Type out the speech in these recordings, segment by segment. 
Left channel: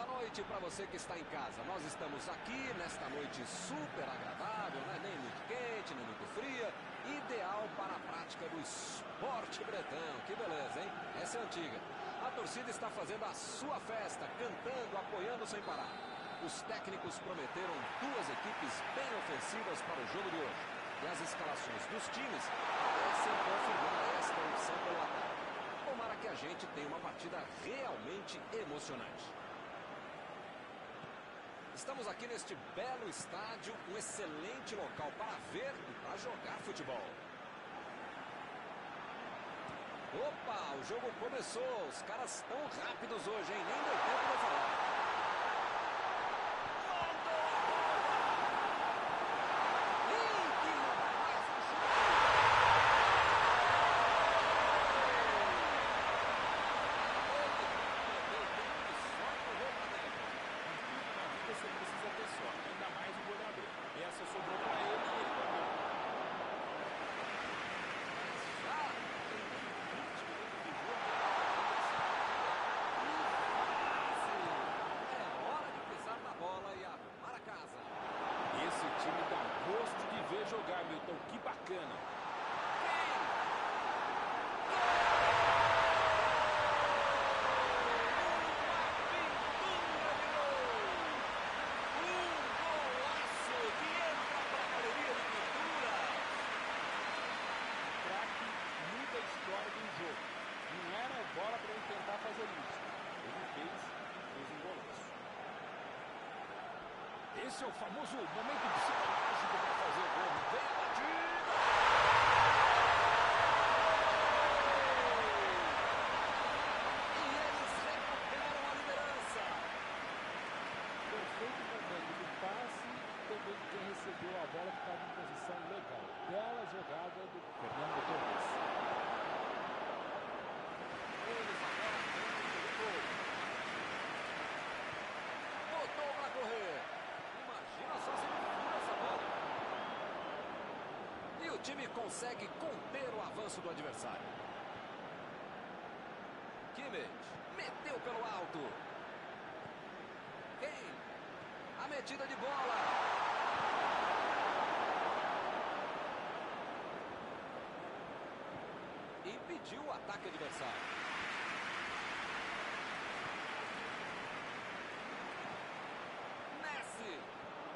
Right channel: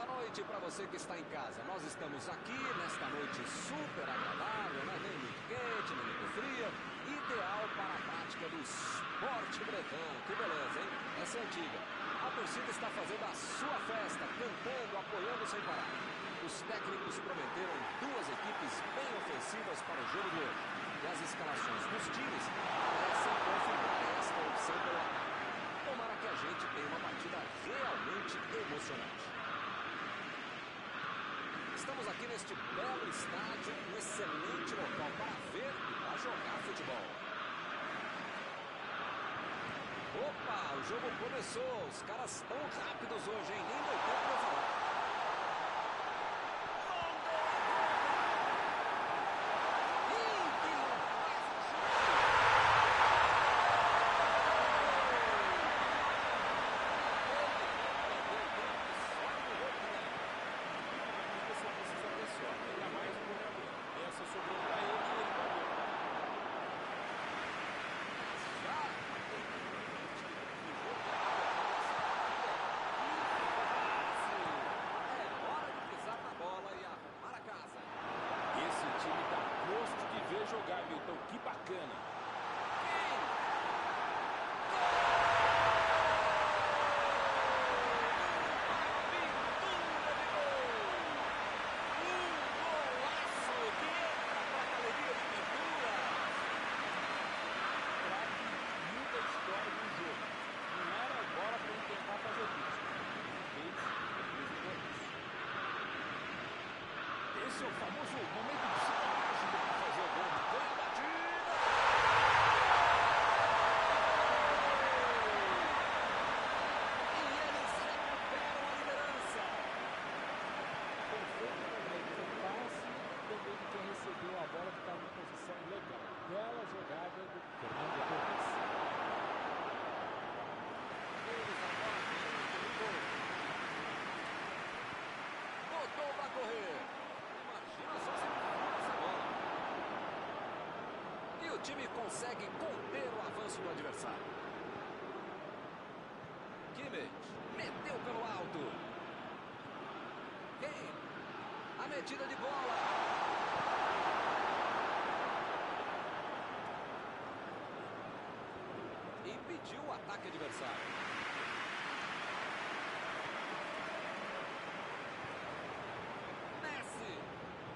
Boa noite para você que está em casa. Nós estamos aqui nesta noite super agradável, né? Nem muito quente, nem muito fria. Ideal para a prática do esporte bretão. Que beleza, hein? Essa é antiga. A torcida está fazendo a sua festa, cantando, apoiando sem parar. Os técnicos prometeram duas equipes bem ofensivas para o jogo de hoje. E as escalações dos times parecem confirmar esta opção pelo ataque. Tomara que a gente tenha uma partida realmente emocionante. Estamos aqui neste belo estádio, um excelente local para ver e para jogar futebol. Opa, o jogo começou. Os caras estão rápidos hoje, hein? Nem deu tempo de eu falar. Sobrou para ele e ele guardou. Mas já tem nem 20 minutos de jogo. E fácil. É hora de pisar na bola e arrumar a casa. Esse time dá gosto de ver jogar, Milton. Que bacana. Tentar fazer isso. Ele fez um golaço. Esse é o famoso momento psicológico para fazer o gol. Vem a batida! E eles recuperam a liderança. Perfeito momento do passe e também de quem recebeu a bola, que estava em posição legal. Bela jogada do Fernando Torres. Eles agora ganham por um gol. Botou para correr. Imagina só se ele fura essa bola. E o time consegue conter o avanço do adversário. Kimmich meteu pelo alto. Kane. A metida de bola. Impediu o ataque adversário.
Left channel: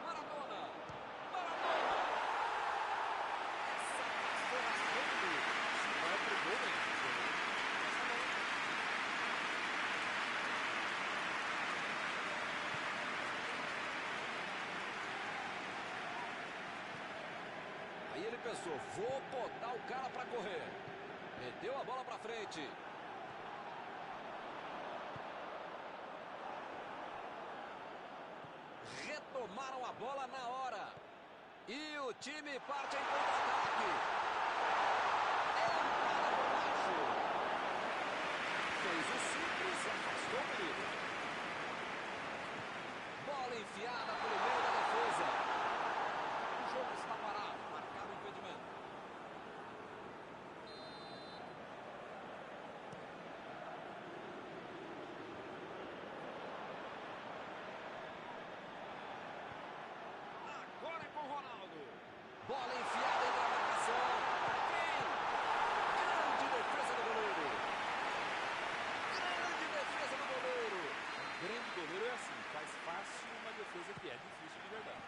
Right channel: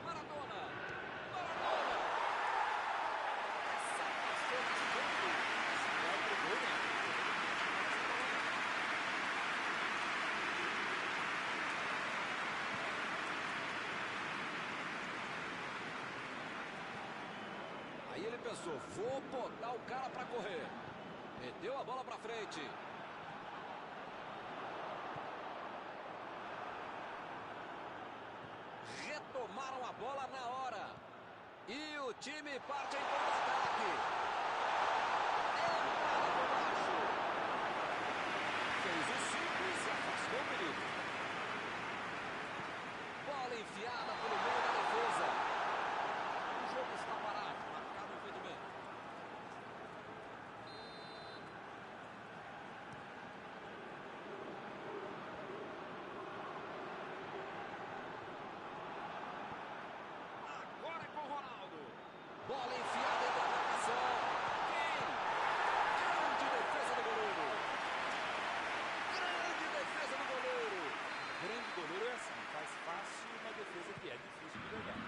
Maradona. Essa passou raspando. Se vai pro gol, né? O goleiro não vai chamar essa bola, não. Aí ele pensou, vou botar o cara para correr. Meteu a bola para frente. Retomaram a bola na hora. E o time parte em contra-ataque. Empala por baixo. Fez o simples e afastou o perigo. Bola enfiada pelo meio da defesa. O jogo está parado. Marcado o impedimento. Agora é com o Ronaldo. Bola enfiada entre a marcação. Kane. Grande defesa do goleiro. Grande defesa do goleiro. Grande goleiro é assim, faz fácil uma defesa que é difícil de verdade.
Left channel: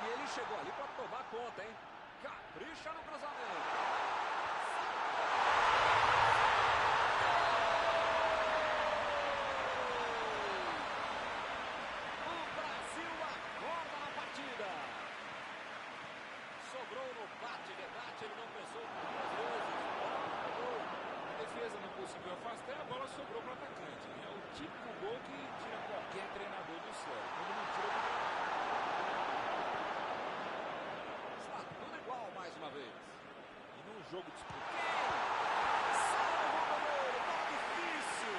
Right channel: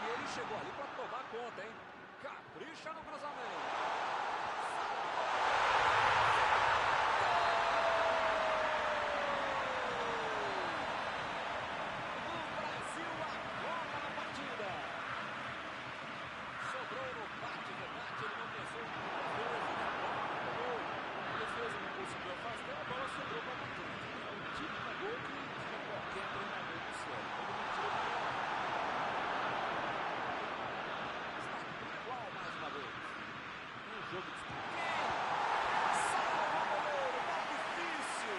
E ele chegou ali para tomar conta, hein? Capricha no cruzamento. Sobrou no bate-rebate, ele não pensou duas vezes. Bola pro gol. A defesa não conseguiu afastar, a bola sobrou para o atacante. É o típico gol que tira qualquer treinador do sério. Quando não tira do treinador. Está tudo igual mais uma vez. E num jogo disputado. Salva o goleiro, bola difícil.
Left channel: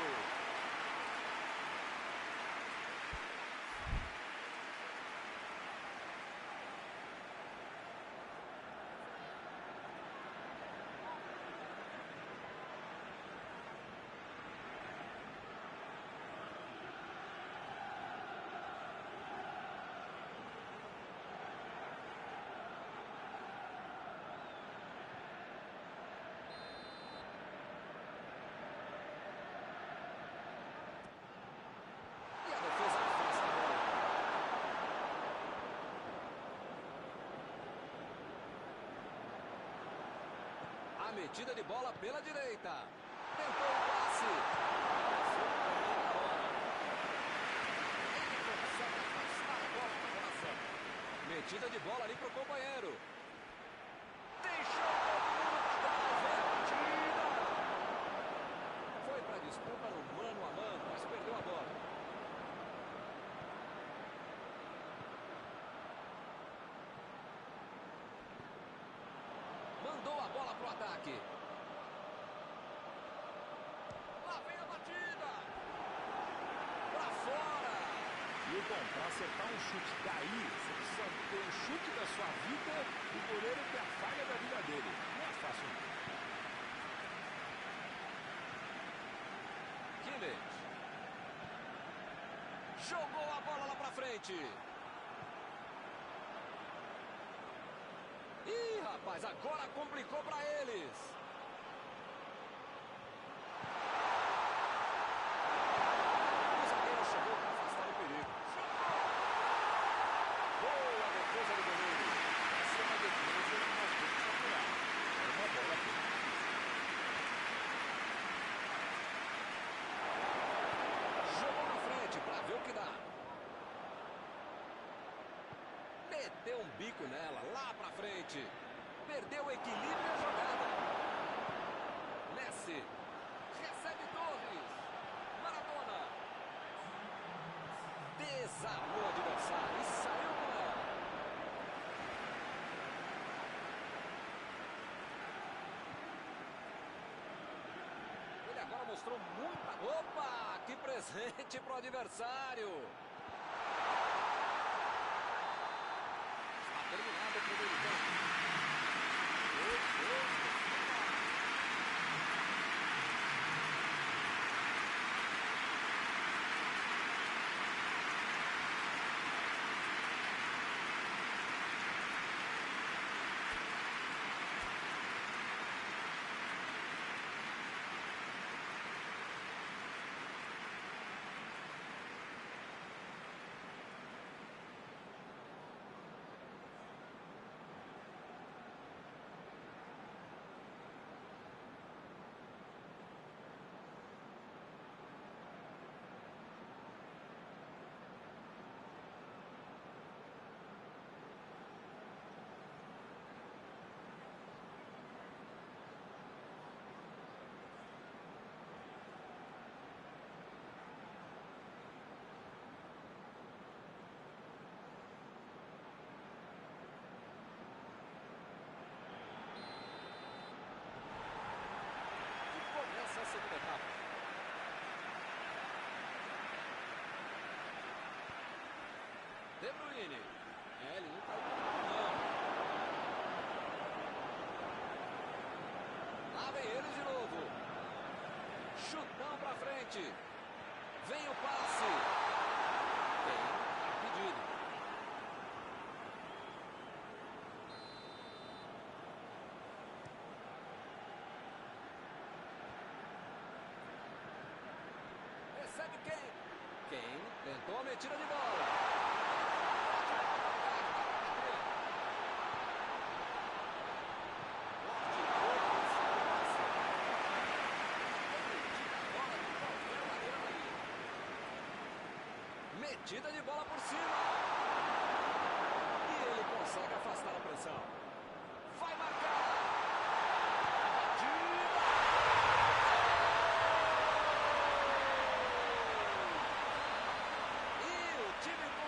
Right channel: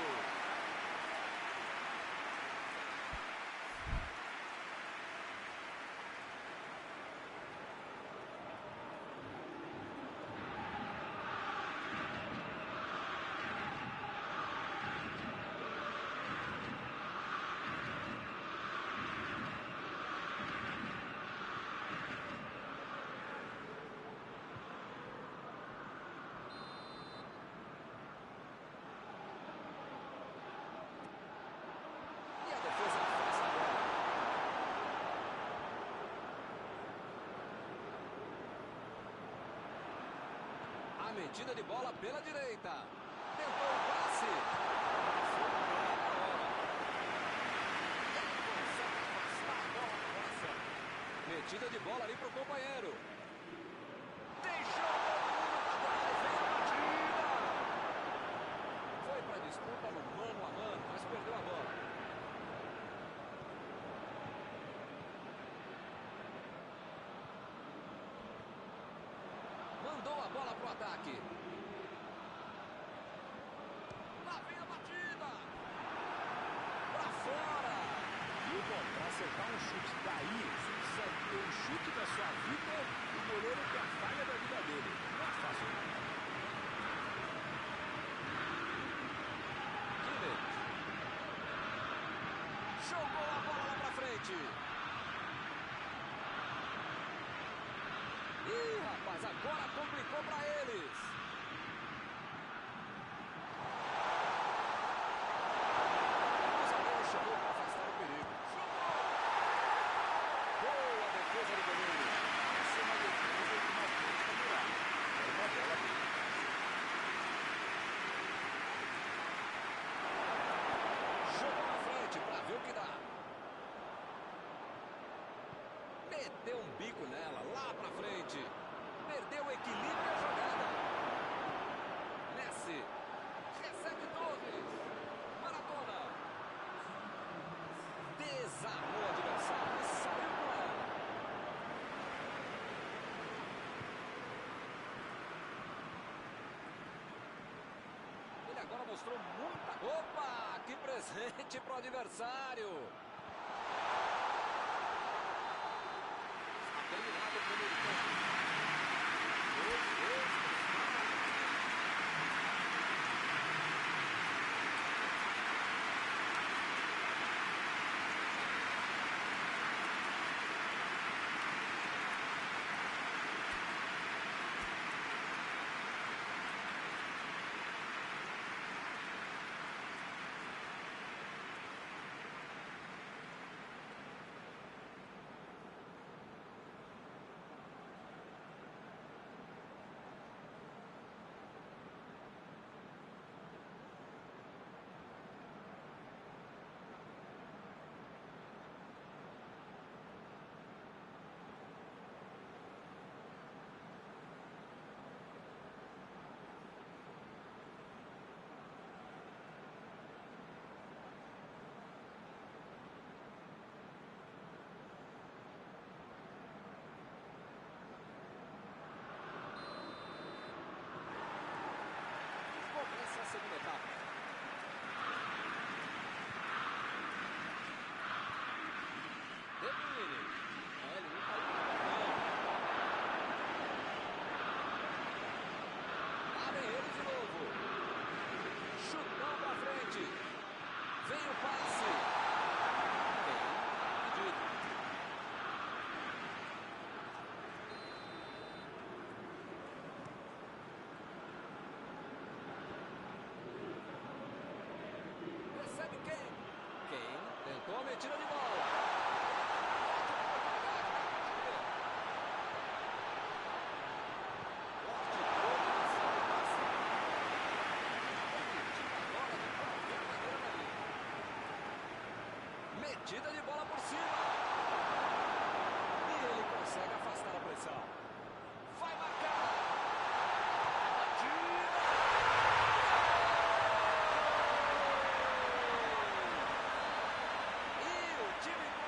A metida de bola pela direita. Tentou o passe. Passou bem na hora. Ele consegue afastar a bola na hora certa. Metida de bola ali pro companheiro. Deixou todo mundo para trás. Vem a batida. Foi para disputa no mano a mano, mas perdeu a bola. Mandou a bola pro ataque. Lá vem a batida. Pra fora. Milton, para acertar um chute daí, você precisa ter um chute da sua vida e o goleiro ter a falha da vida dele. Não é fácil. Kimmich. Jogou a bola lá pra frente. Ih, rapaz, agora complicou pra eles. O zagueiro chegou para afastar o perigo. Chutou! Boa defesa do goleiro. Essa é uma defesa de uma frente favorável. Era uma bola bem. Jogou na frente para ver o que dá. Meteu um bico nela, lá pra frente. Perdeu o equilíbrio e a jogada. Messi. Recebe Torres. Maradona. Desarmou o adversário e saiu com ela. Ele agora mostrou muita... Opa! Que presente pro adversário. Terminado o primeiro tempo. 2-2. Começa a segunda etapa. De Bruyne. Ele não caiu não. Lá vem eles de novo. Chutão pra frente. Vem o passe. Tá pedido. Recebe quem tentou a metida de bola. Ótima oportunidade para bater. Forte todo em cima do passe. Ele tira a bola de qualquer maneira dali. Metida de bola por cima. E ele consegue afastar a pressão. Vai marcar. A batida.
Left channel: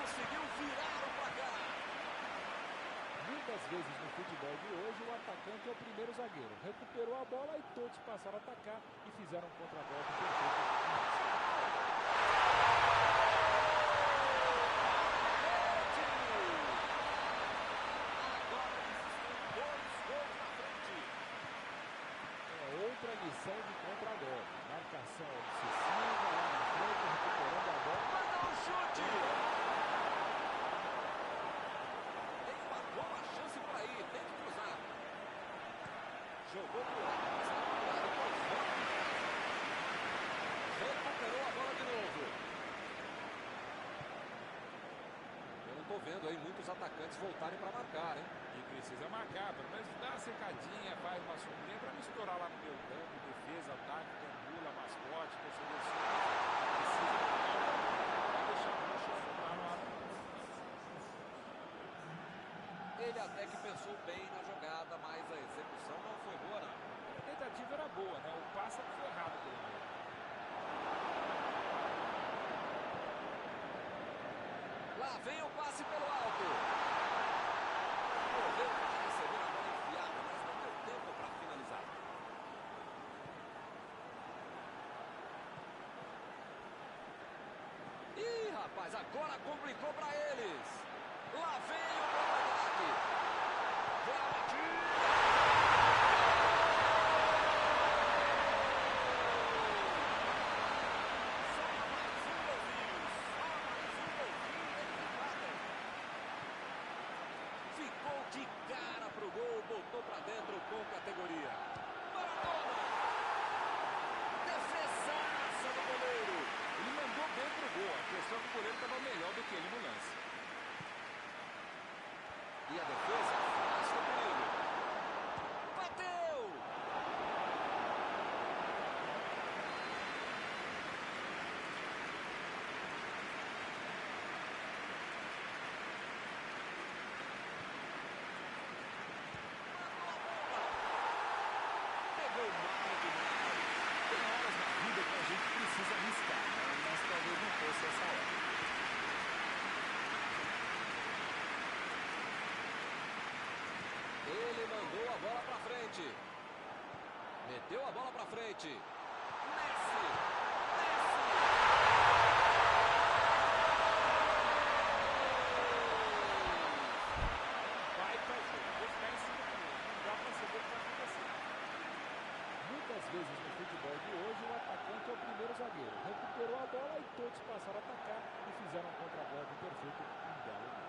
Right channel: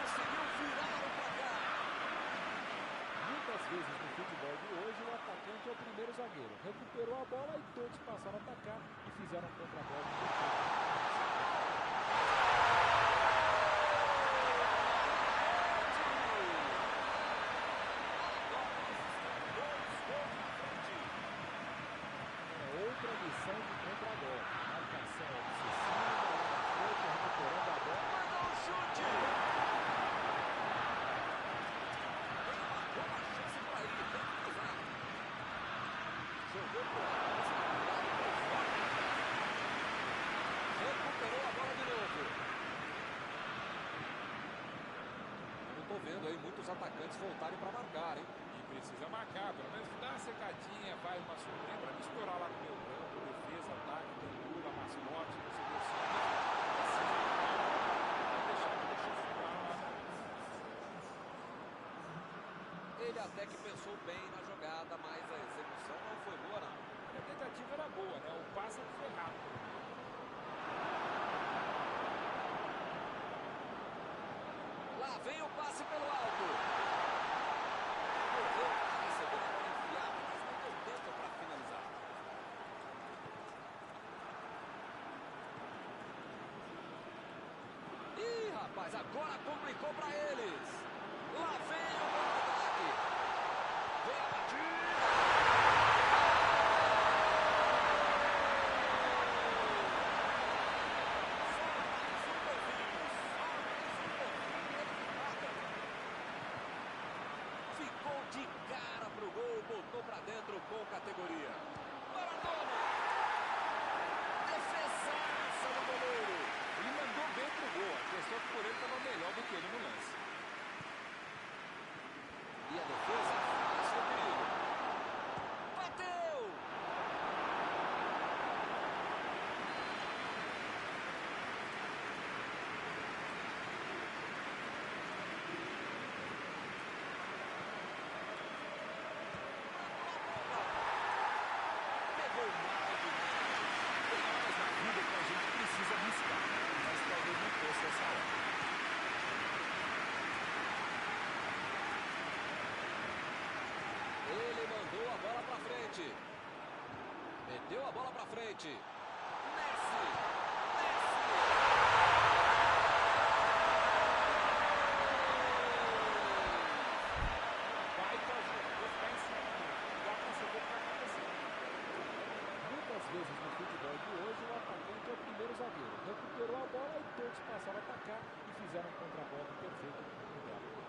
Conseguiu virar o placar. Muitas vezes no futebol de hoje o atacante é o primeiro zagueiro. Recuperou a bola e todos passaram a atacar e fizeram um contra-golpe perfeito. Agora eles estão 2 gols na frente. É outra lição de contra-golpe. Marcação obsessiva lá na frente, recuperando a bola. Mandou um chute. Boa chance por aí, tem que cruzar. Jogou pro lado, está virado e foi fora de casa. Recuperou a bola de novo. tô vendo aí muitos atacantes voltarem para marcar, hein? E precisa marcar, pelo menos dá uma secadinha, faz uma sombrinha para não estourar lá no meu campo, defesa, ataque, gandula, mascote, torcedor simples. Precisa não deixar a bucha sobrar lá no Ele até que pensou bem na jogada, mas a execução não foi boa, não. A tentativa era boa, né? O passe foi errado pelo meio. Lá vem o passe pelo alto. Correu para receber a bola enfiada, mas não deu tempo para finalizar. Ih, rapaz, agora complicou para eles. Lá vem o contra-ataque. Vem a batida. Ficou de cara pro gol, botou pra dentro com categoria. Maradona! Defesaça do goleiro. Ele mandou bem pro gol, a questão é que o goleiro estava melhor do que ele no lance. E a defesa afasta o perigo. Bateu! Pegou mal demais. Tem horas na vida que a gente precisa arriscar, né? Mas talvez não fosse essa hora. Ele mandou a bola pra frente. Meteu a bola pra frente. Messi! Messi! Baita jogo. Vou ficar em cima do gol. Não dá pra saber o que vai acontecer. Muitas vezes no futebol de hoje, o atacante é o primeiro zagueiro. Recuperou a bola e todos passaram a atacar e fizeram um contra-golpe perfeito, um belo gol.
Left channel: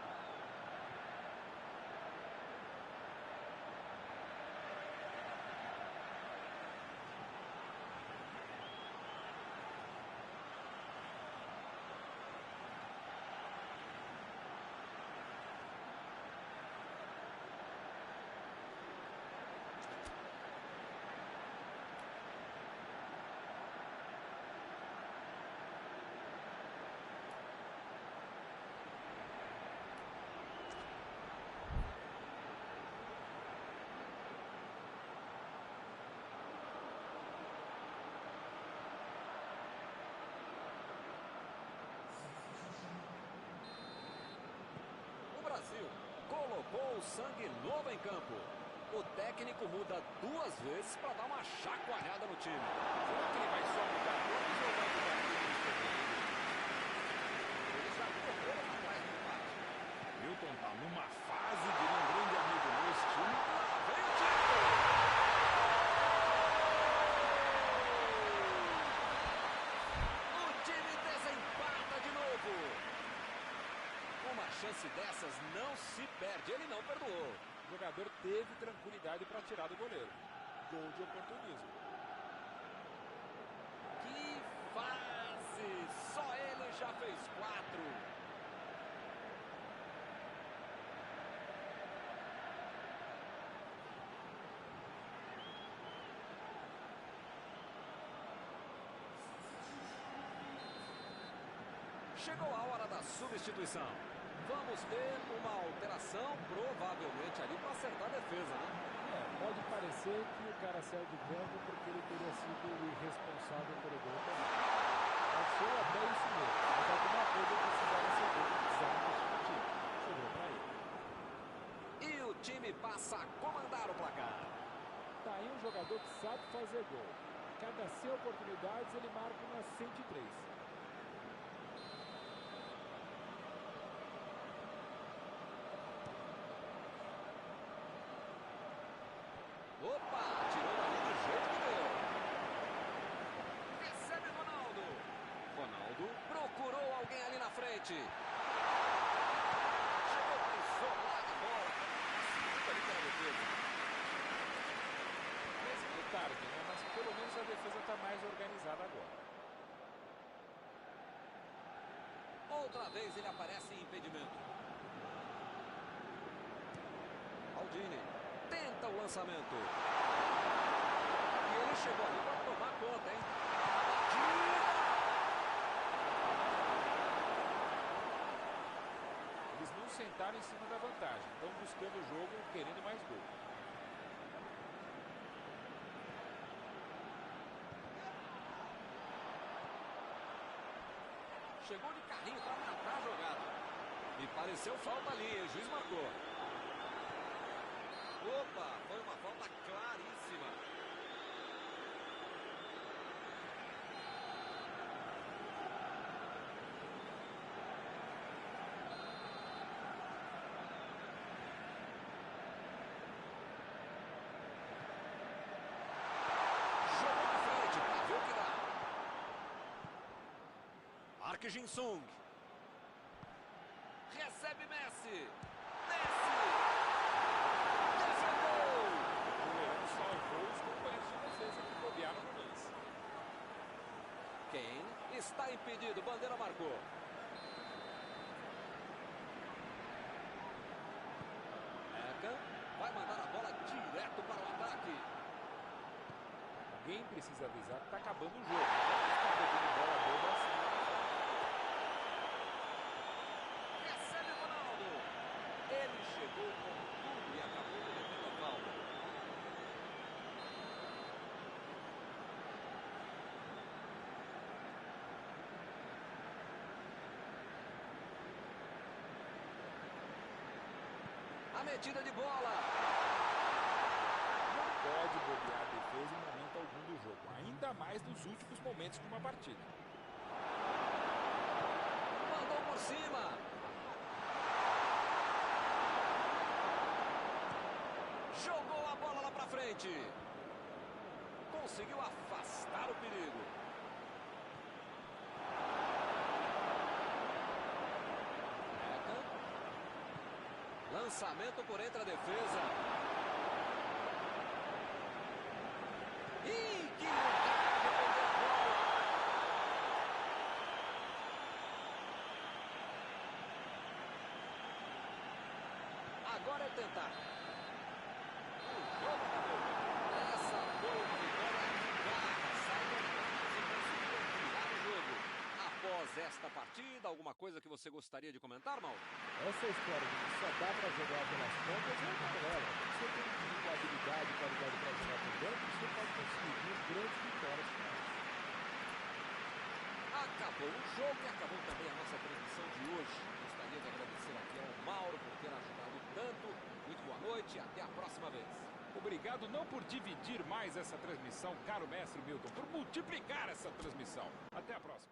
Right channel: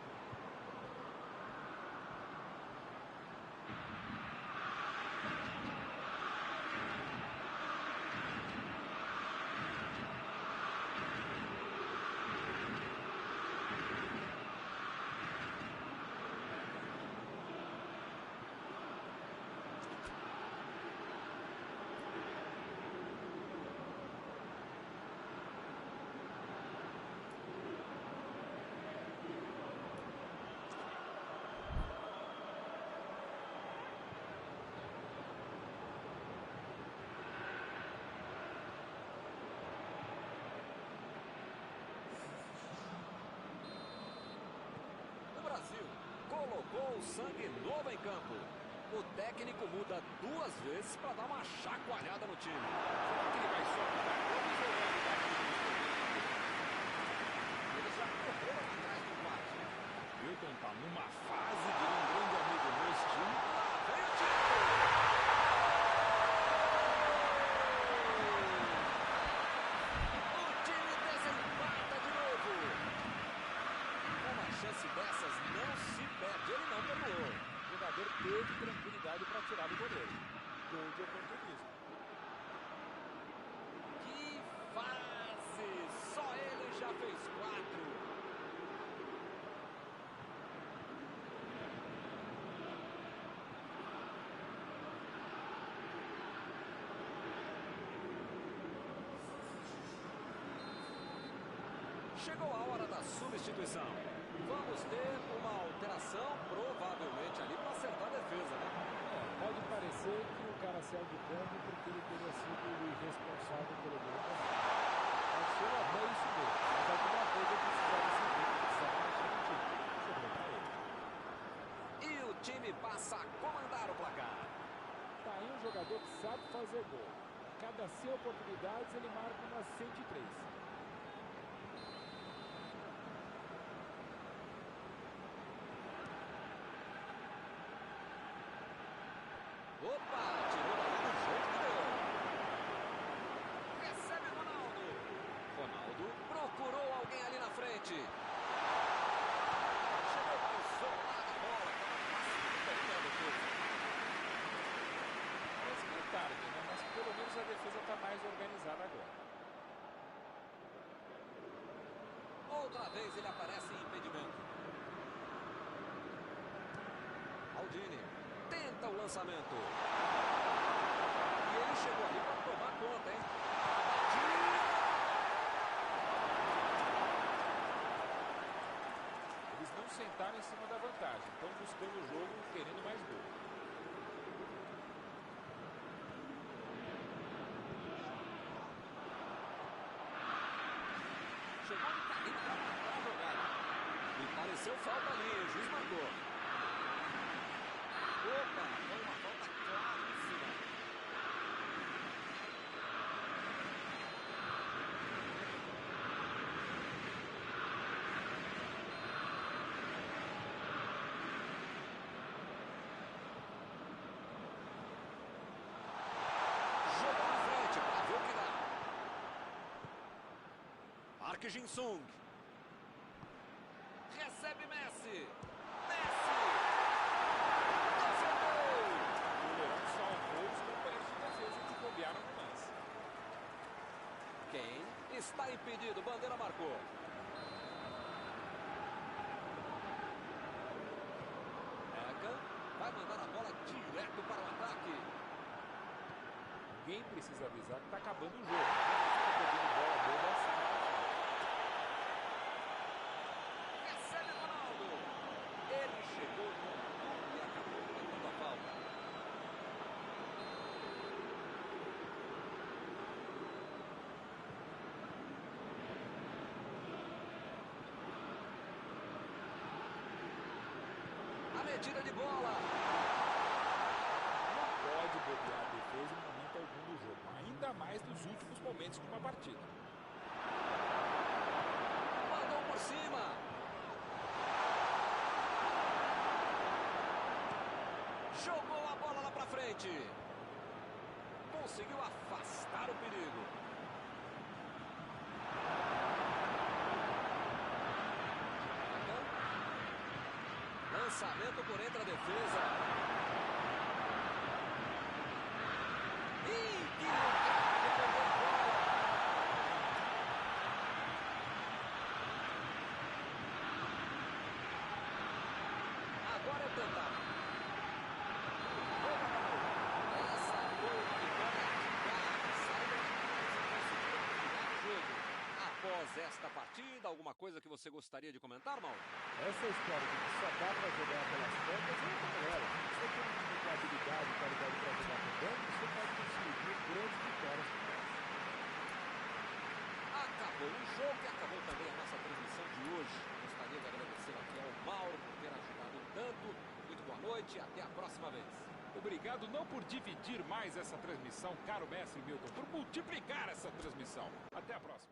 Brasil colocou o sangue novo em campo. O técnico muda 2 vezes para dar uma chacoalhada no time. Será que ele vai só mudar nomes ou vai mudar números também? Eles já correram atrás do empate. Milton tá numa fase de um grande amigo nesse time. Lá vem o time! O time desempata de novo. Uma chance dessas não se perde, ele não perdoou. O jogador teve tranquilidade para tirar do goleiro. Gol de oportunismo. Que fase! Só ele já fez 4. Chegou a hora da substituição. Vamos ter uma alteração, provavelmente ali para acertar a defesa, né? Pode parecer que o cara saiu de campo porque ele teria sido o irresponsável pelo gol tomado. Pode ser até isso mesmo, mas alguma coisa precisava ser feita, precisava mexer no time. Sobrou para ele. E o time passa a comandar o placar. Tá aí um jogador que sabe fazer gol. A cada 100 oportunidades ele marca umas 103. Opa, tirou dali do jeito que deu. Recebe Ronaldo. Ronaldo procurou alguém ali na frente. Chegou para isolar a bola, estava facilitando ali pela defesa. Parece meio tarde, né? Mas pelo menos a defesa está mais organizada agora. Outra vez ele aparece em impedimento. Maldini. Tenta o lançamento. E ele chegou ali para tomar conta, hein? A batida! Eles não sentaram em cima da vantagem. Estão buscando o jogo, querendo mais gol. Chegou de carrinho para matar a jogada. Me pareceu falta ali, o juiz marcou. Opa, foi uma falta claríssima. Jogou na frente para ver o que dá. Park Jin-sung. Recebe Messi. Messi. Defendeu. O goleirão salvou os companheiros de defesa que bobearam no lance. Kane está impedido. Bandeira marcou. Eka vai mandar a bola direto para o ataque. Alguém precisa avisar que está acabando o jogo. Não está pegando bola boba assim lá na frente. Recebe Ronaldo. Ele chegou com tudo e acabou cometendo a falta. A metida de bola. Não pode bobear a defesa em momento algum do jogo. Ainda mais nos últimos momentos de uma partida. Mandou por cima. Jogou a bola lá pra frente. Conseguiu afastar o perigo. Eka. Lançamento por entre a defesa. Ih, que lugar de perder a bola. Agora é tentar. O jogo acabou. Essa foi uma vitória de garra. Saíram atrás e conseguiram virar o jogo. Após esta partida, alguma coisa que você gostaria de comentar, Mauro? Essa história de que só dá para jogar pelas pontas é uma balela. Se você tem um time com habilidade e qualidade para jogar por dentro, você pode conseguir grandes vitórias como essa. Acabou o jogo e acabou também a nossa transmissão de hoje. Gostaria de agradecer aqui ao Mauro por ter ajudado tanto. Muito boa noite e até a próxima vez. Obrigado não por dividir mais essa transmissão, caro mestre Milton, por multiplicar essa transmissão. Até a próxima.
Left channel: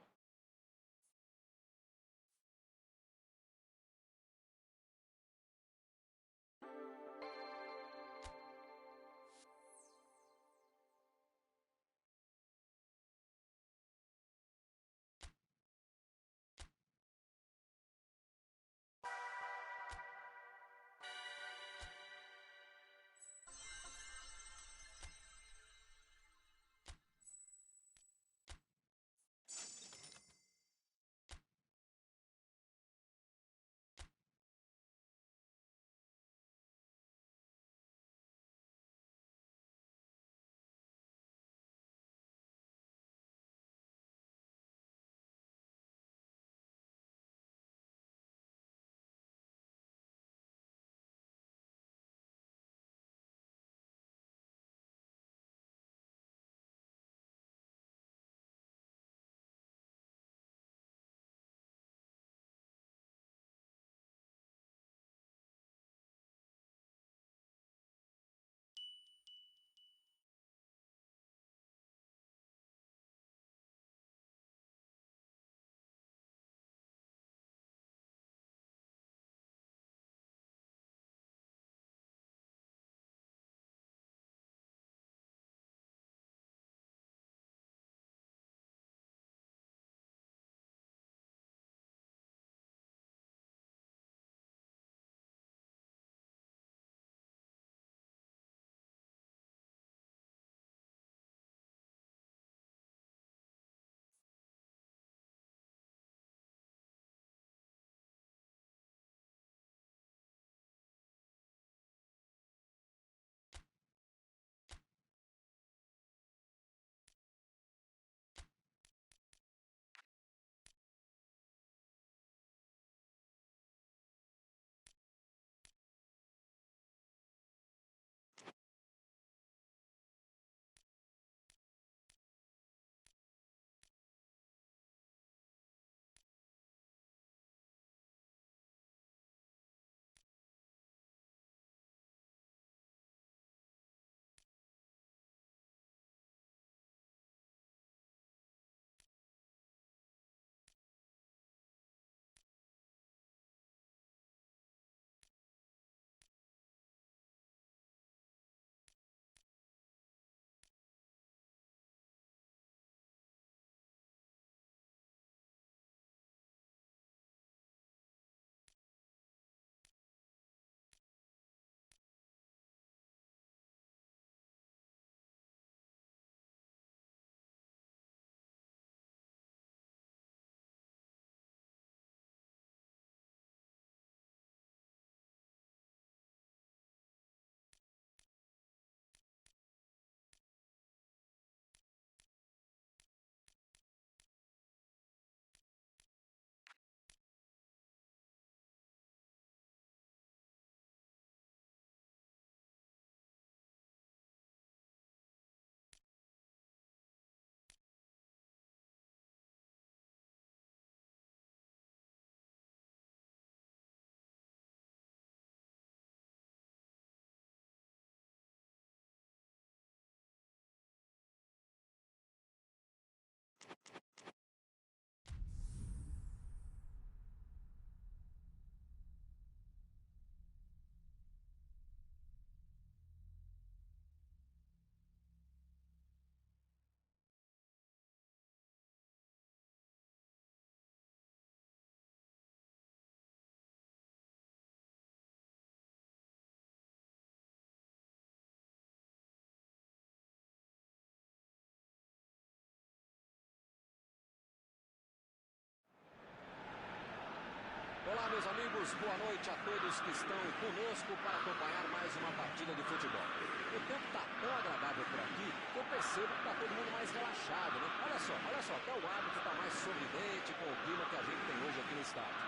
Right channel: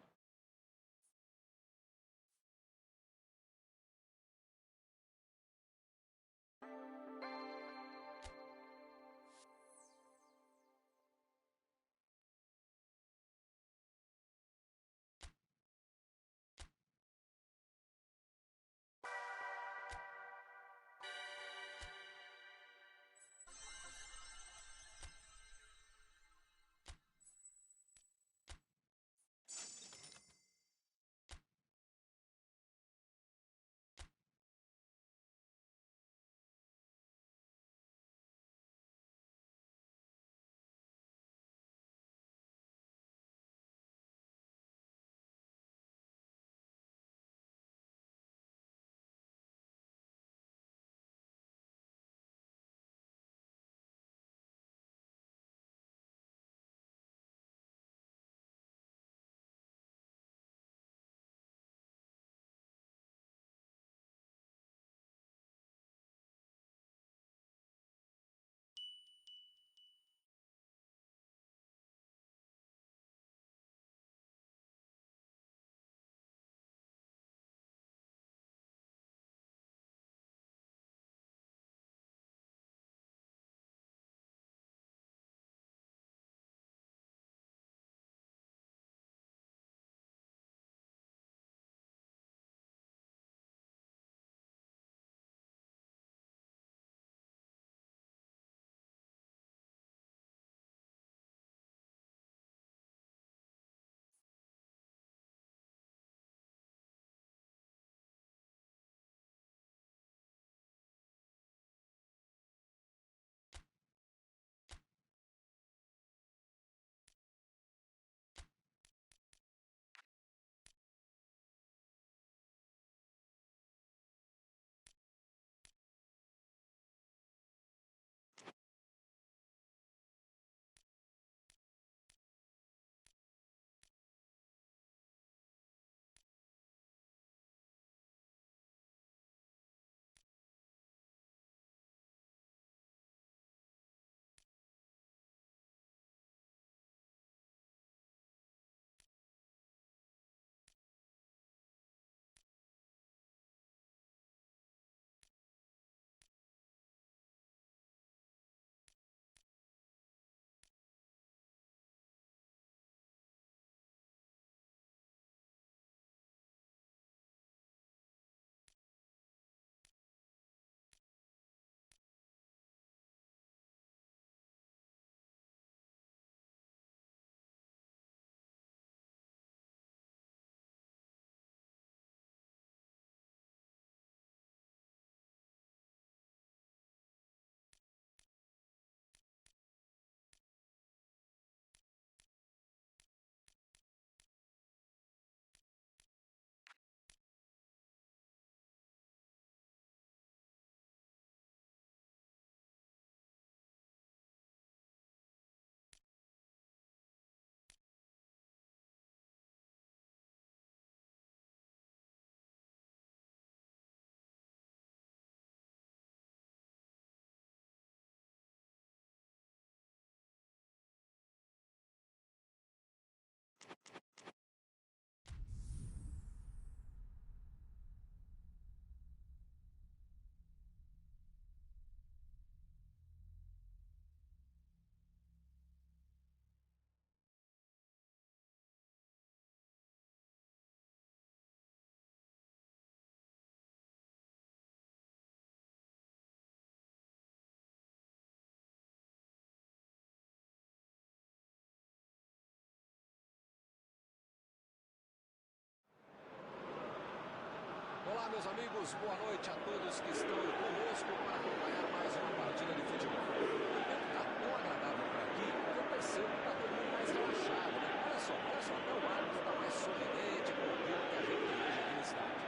meus amigos, boa noite a todos que estão conosco para acompanhar mais uma partida de futebol. O tempo está tão agradável por aqui que eu percebo que está todo mundo mais relaxado, né? Olha só, até o árbitro está mais sorridente com o clima que a gente tem hoje aqui no estádio.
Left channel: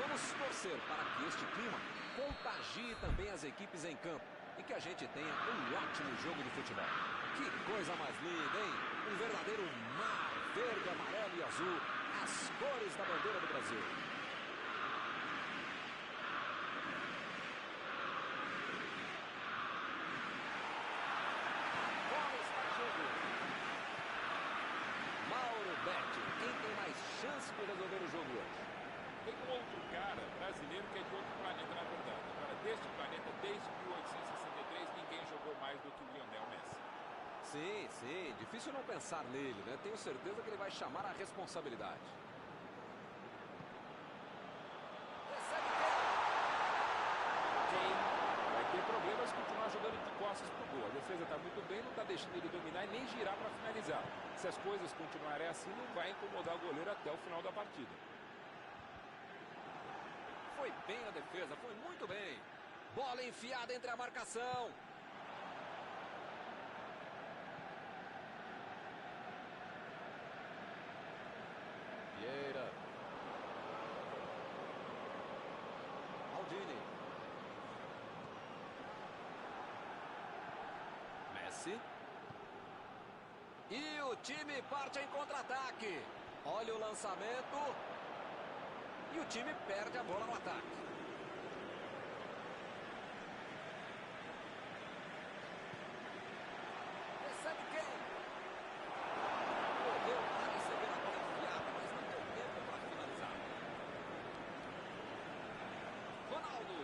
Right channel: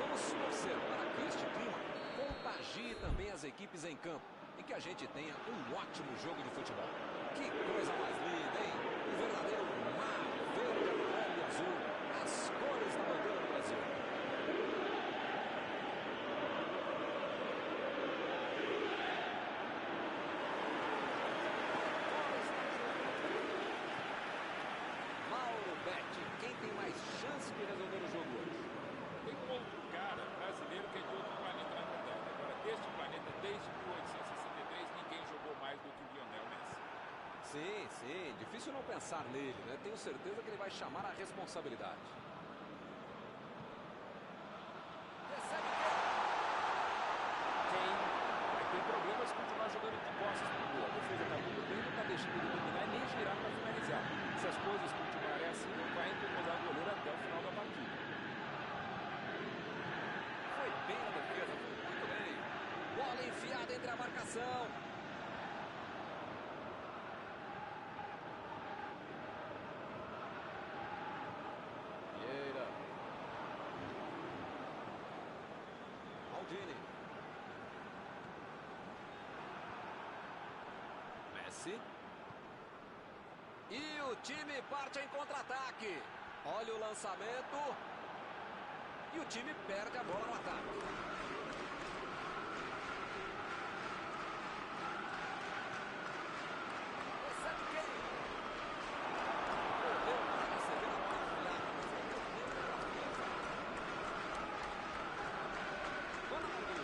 Vamos torcer para que este clima contagie também as equipes em campo e que a gente tenha um ótimo jogo de futebol. Que coisa mais linda, hein? Um verdadeiro mar verde, amarelo e azul, as cores da bandeira do Brasil. Quem tem mais chance de resolver o jogo hoje? Tem um outro cara brasileiro que é de outro planeta, na verdade. Agora, deste planeta, desde 1863, ninguém jogou mais do que o Lionel Messi. Sim. Difícil não pensar nele, né? Tenho certeza que ele vai chamar a responsabilidade. Recebe quem? Vai ter problemas se continuar jogando de costas pro gol. A defesa tá muito bem, não tá deixando ele dominar e nem girar para finalizar. Se as coisas continuarem assim, não vai incomodar o goleiro até o final da partida. Foi bem na defesa, foi muito bem. Bola enfiada entre a marcação. Vieira. Maldini. Messi. E o time parte em contra-ataque. Olha o lançamento. E o time perde a bola no ataque. Recebe quem? Correu para receber a bola enfiada, mas não deu tempo para finalizar. Ronaldo.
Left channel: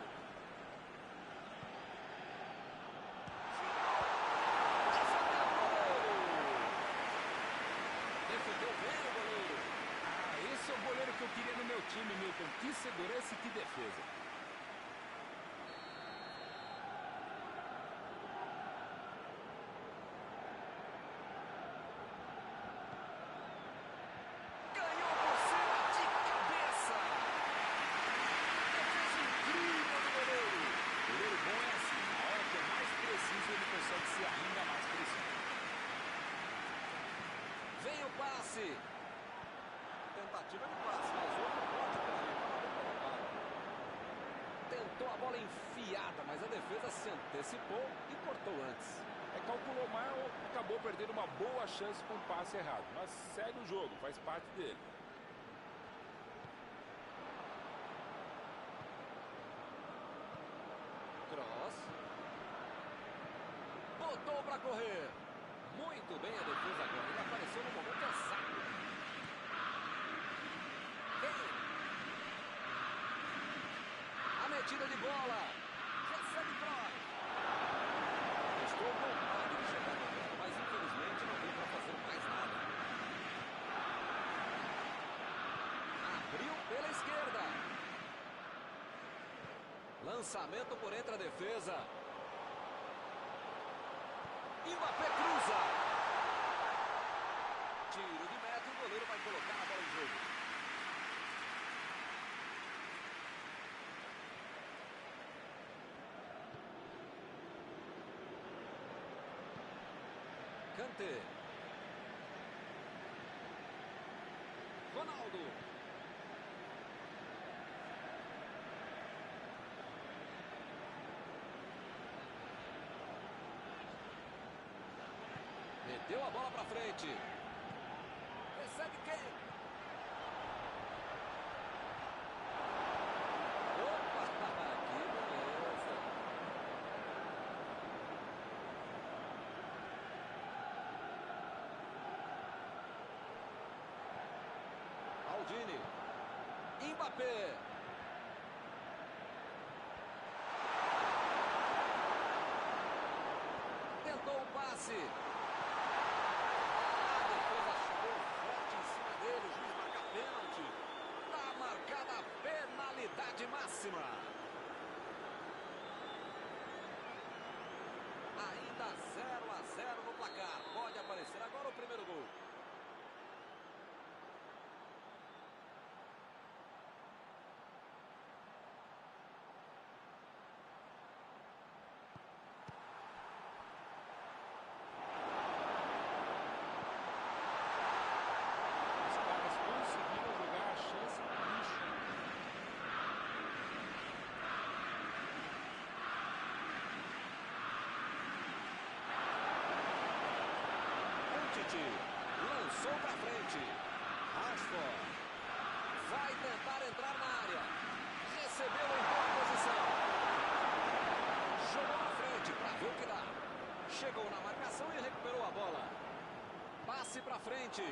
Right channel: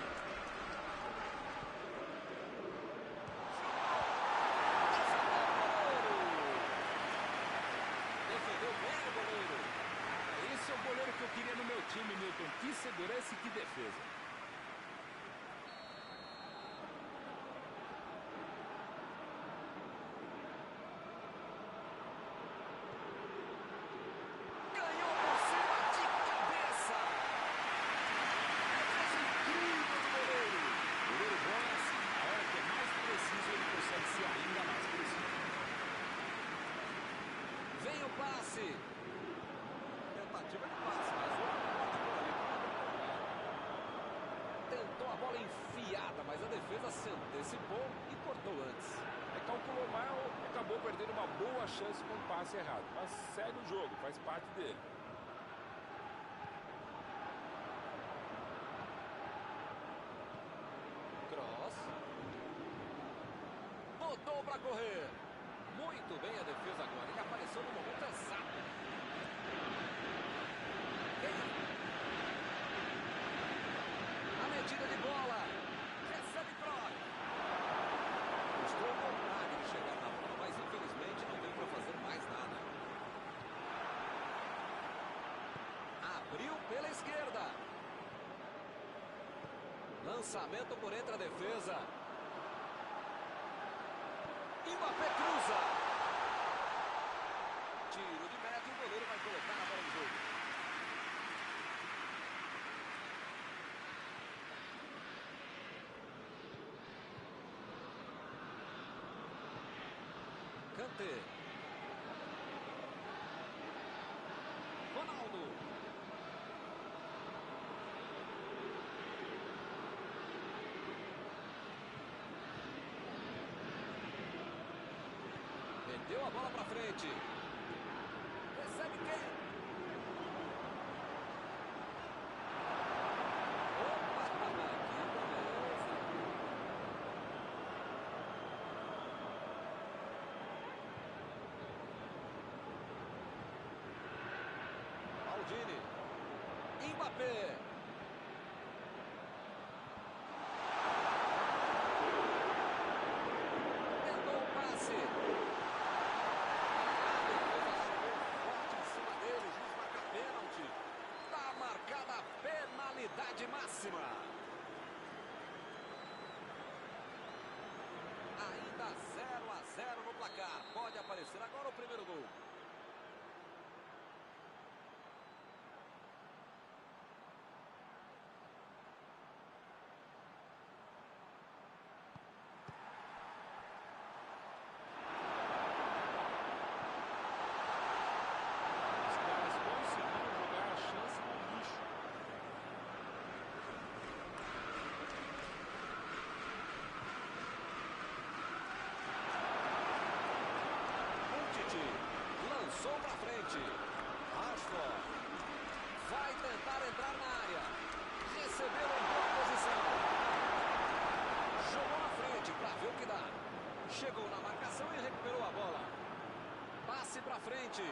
Defendeu bem o goleiro. Esse é o goleiro que eu queria no meu time, Milton. Que segurança e que defesa. Ganhou por cima de cabeça. Defesa incrível do goleiro. Goleiro bom é assim. Na hora que é mais preciso, ele consegue ser ainda mais preciso. Vem o passe. Tentativa de passe, mas outro corte por ali, estava bem colocado. Tentou a bola enfiada, mas a defesa se antecipou e cortou antes. Calculou mal, acabou perdendo uma boa chance com o passe errado. Mas segue o jogo, faz parte dele. Cross. Botou para correr. Muito bem a defesa agora. Ele apareceu no momento exato. A metida de bola. Recebe Kroos. Mostrou vontade de chegar na bola, mas infelizmente não deu para fazer mais nada. Abriu pela esquerda. Lançamento por entre a defesa. Mbappé cruza. Tiro de meta e o goleiro vai colocar a bola em jogo. Kanté. Ronaldo. Meteu a bola pra frente. Recebe quem? Opa, que beleza. Maldini. Mbappé. Tentou o passe. A defesa chegou forte em cima dele. O juiz marca pênalti. Tá marcada a penalidade máxima. Ainda 0-0 no placar. Pode aparecer agora o primeiro gol. frente. Lançou para frente. Rashford vai tentar entrar na área. Recebeu em boa posição. Jogou na frente para ver o que dá. Chegou na marcação e recuperou a bola. Passe para frente.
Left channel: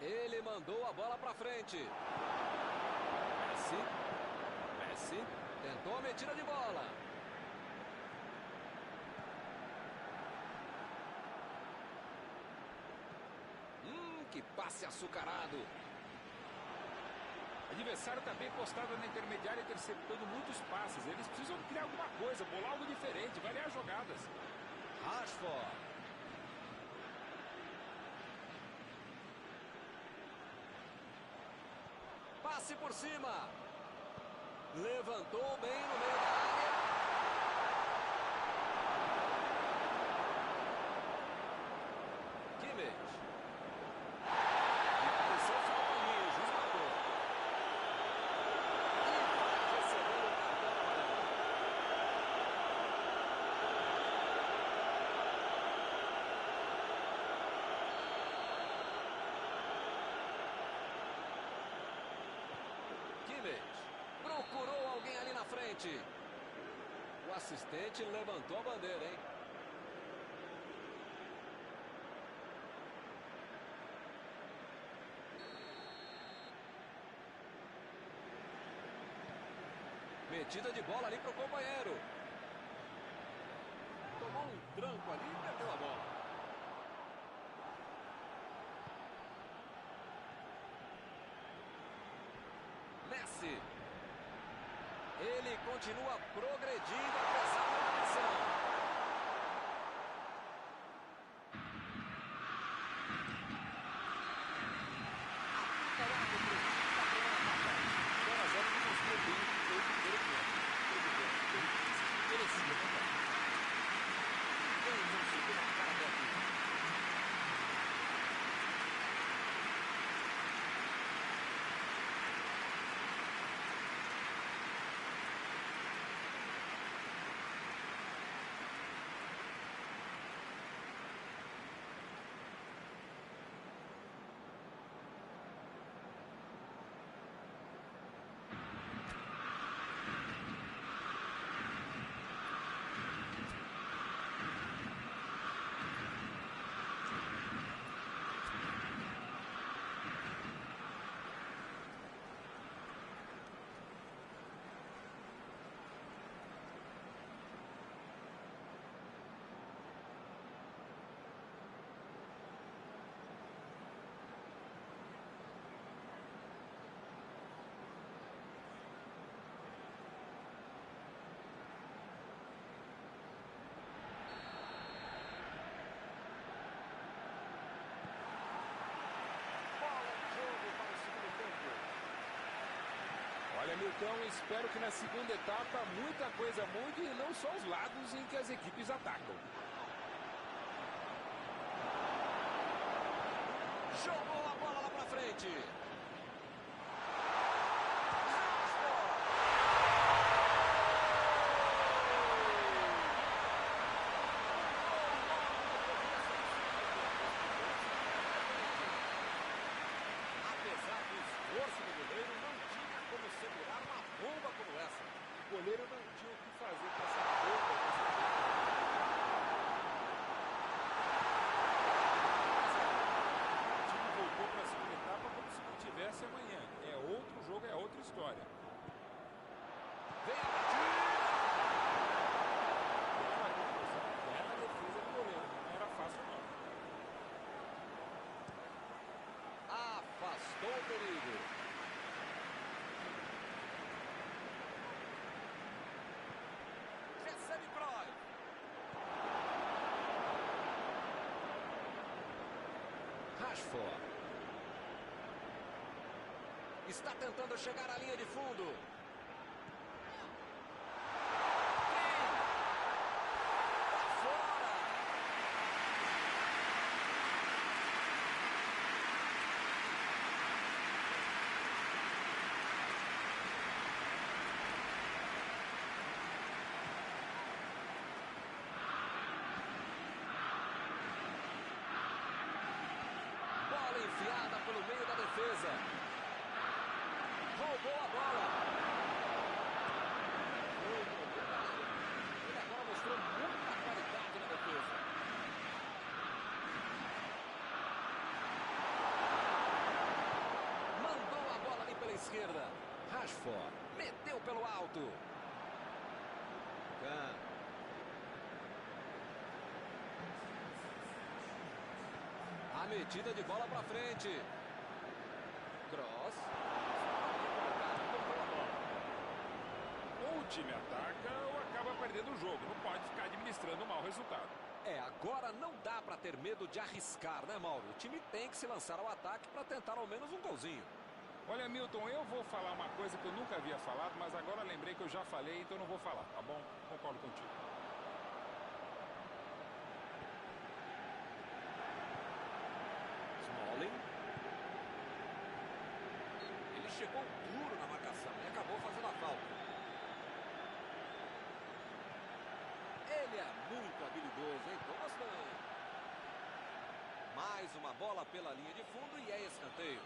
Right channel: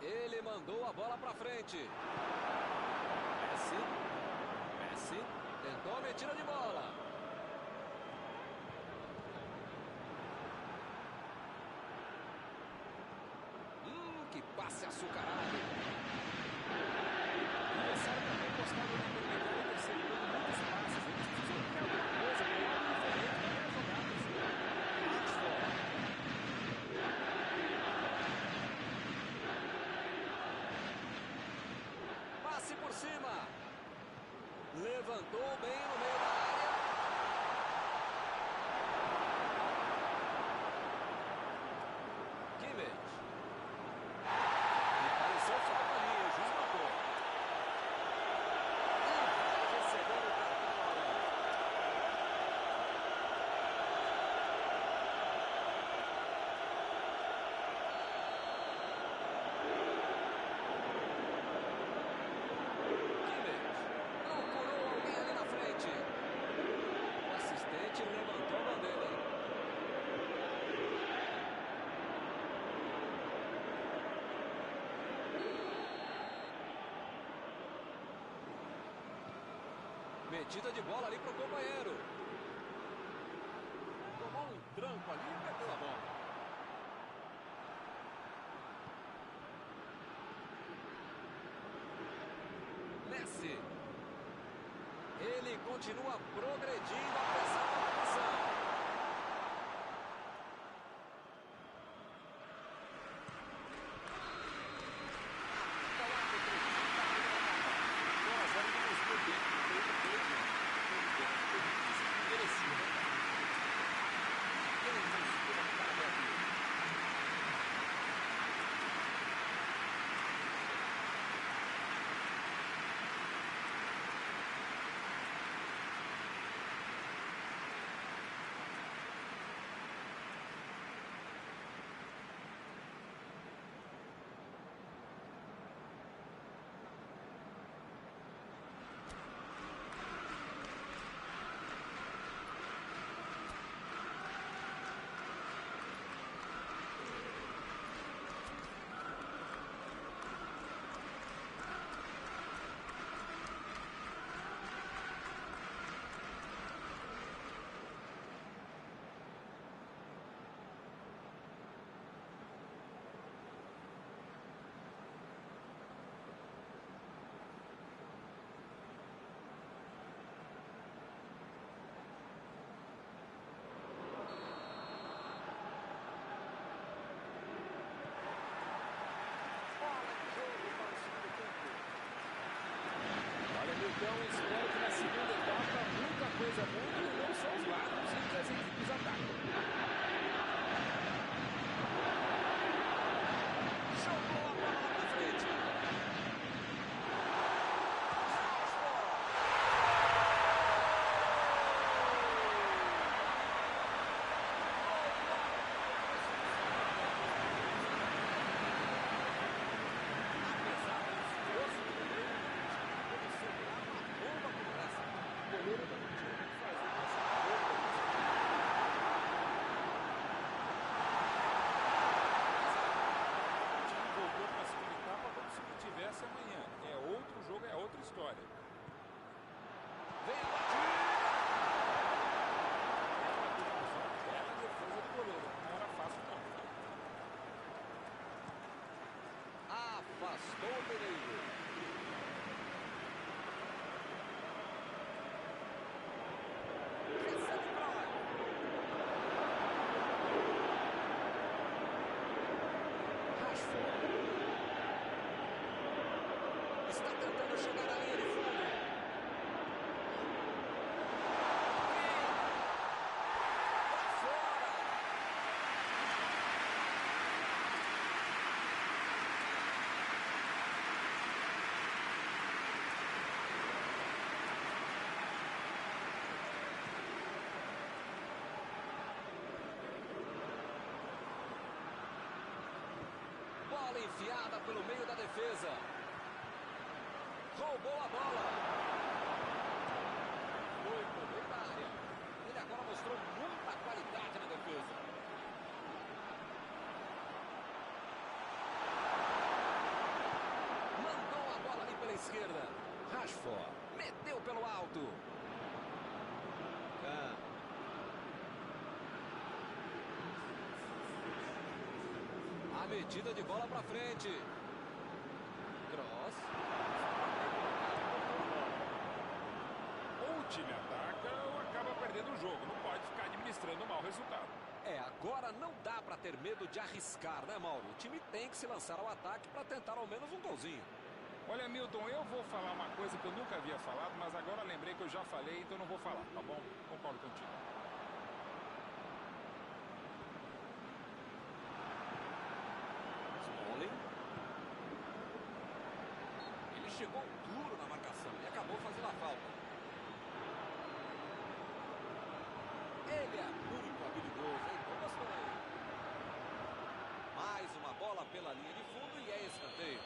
Ele mandou a bola para frente. Messi tentou a metida de bola. Que passe açucarado. O adversário também postado na intermediária e interceptando muitos passes. Eles precisam criar alguma coisa, com algo diferente, variar jogadas. Rashford. Passe por cima. Levantou bem no meio da área. Kimmich. E pareceu falta ali, o juiz marcou. E vai receber o cartão amarelo. Kimmich procurou alguém ali na frente. O assistente levantou a bandeira, hein? Metida de bola ali para o companheiro. Tomou um tranco ali e perdeu a bola. Messi. Ele continua progredindo apesar da marcação. Apita o árbitro da primeira etapa. 0-0 não mostrou bem o que foi o primeiro tempo. Teve pena, que merecia, né, cara? Ninguém conseguiu marcar até aqui. Olha, Milton, espero que na segunda etapa muita coisa mude e não só os lados em que as equipes atacam. Jogou a bola lá pra frente. Apesar do esforço do goleiro, não tinha como segurar uma bomba como essa. O goleiro não tinha o que fazer com essa bomba. O time voltou para a segunda etapa como se não tivesse amanhã. É outro jogo, é outra história. Vem a batida! Bela conclusão, bela defesa do goleiro. Não era fácil, não. Afastou o perigo. Recebe Kroos. Rashford. Está tentando chegar à linha de fundo. Para fora. Bola enfiada pelo meio da defesa. Roubou a bola. Foi pro meio da área. Ele agora mostrou muita qualidade na defesa. Mandou a bola ali pela esquerda. Rashford meteu pelo alto. A metida de bola para frente. Cross. Bem colocado, cortou a bola. Ou o time ataca ou acaba perdendo o jogo. Não pode ficar administrando um mau resultado. Agora não dá para ter medo de arriscar, né, Mauro? O time tem que se lançar ao ataque para tentar ao menos um golzinho. Olha, Milton, eu vou falar uma coisa que eu nunca havia falado, mas agora lembrei que eu já falei, então não vou falar, tá bom? Concordo contigo. Smalling. Ele chegou duro na marcação e acabou fazendo a falta. Ele é muito habilidoso, hein? Tô gostando. Mais uma bola pela linha de fundo e é escanteio.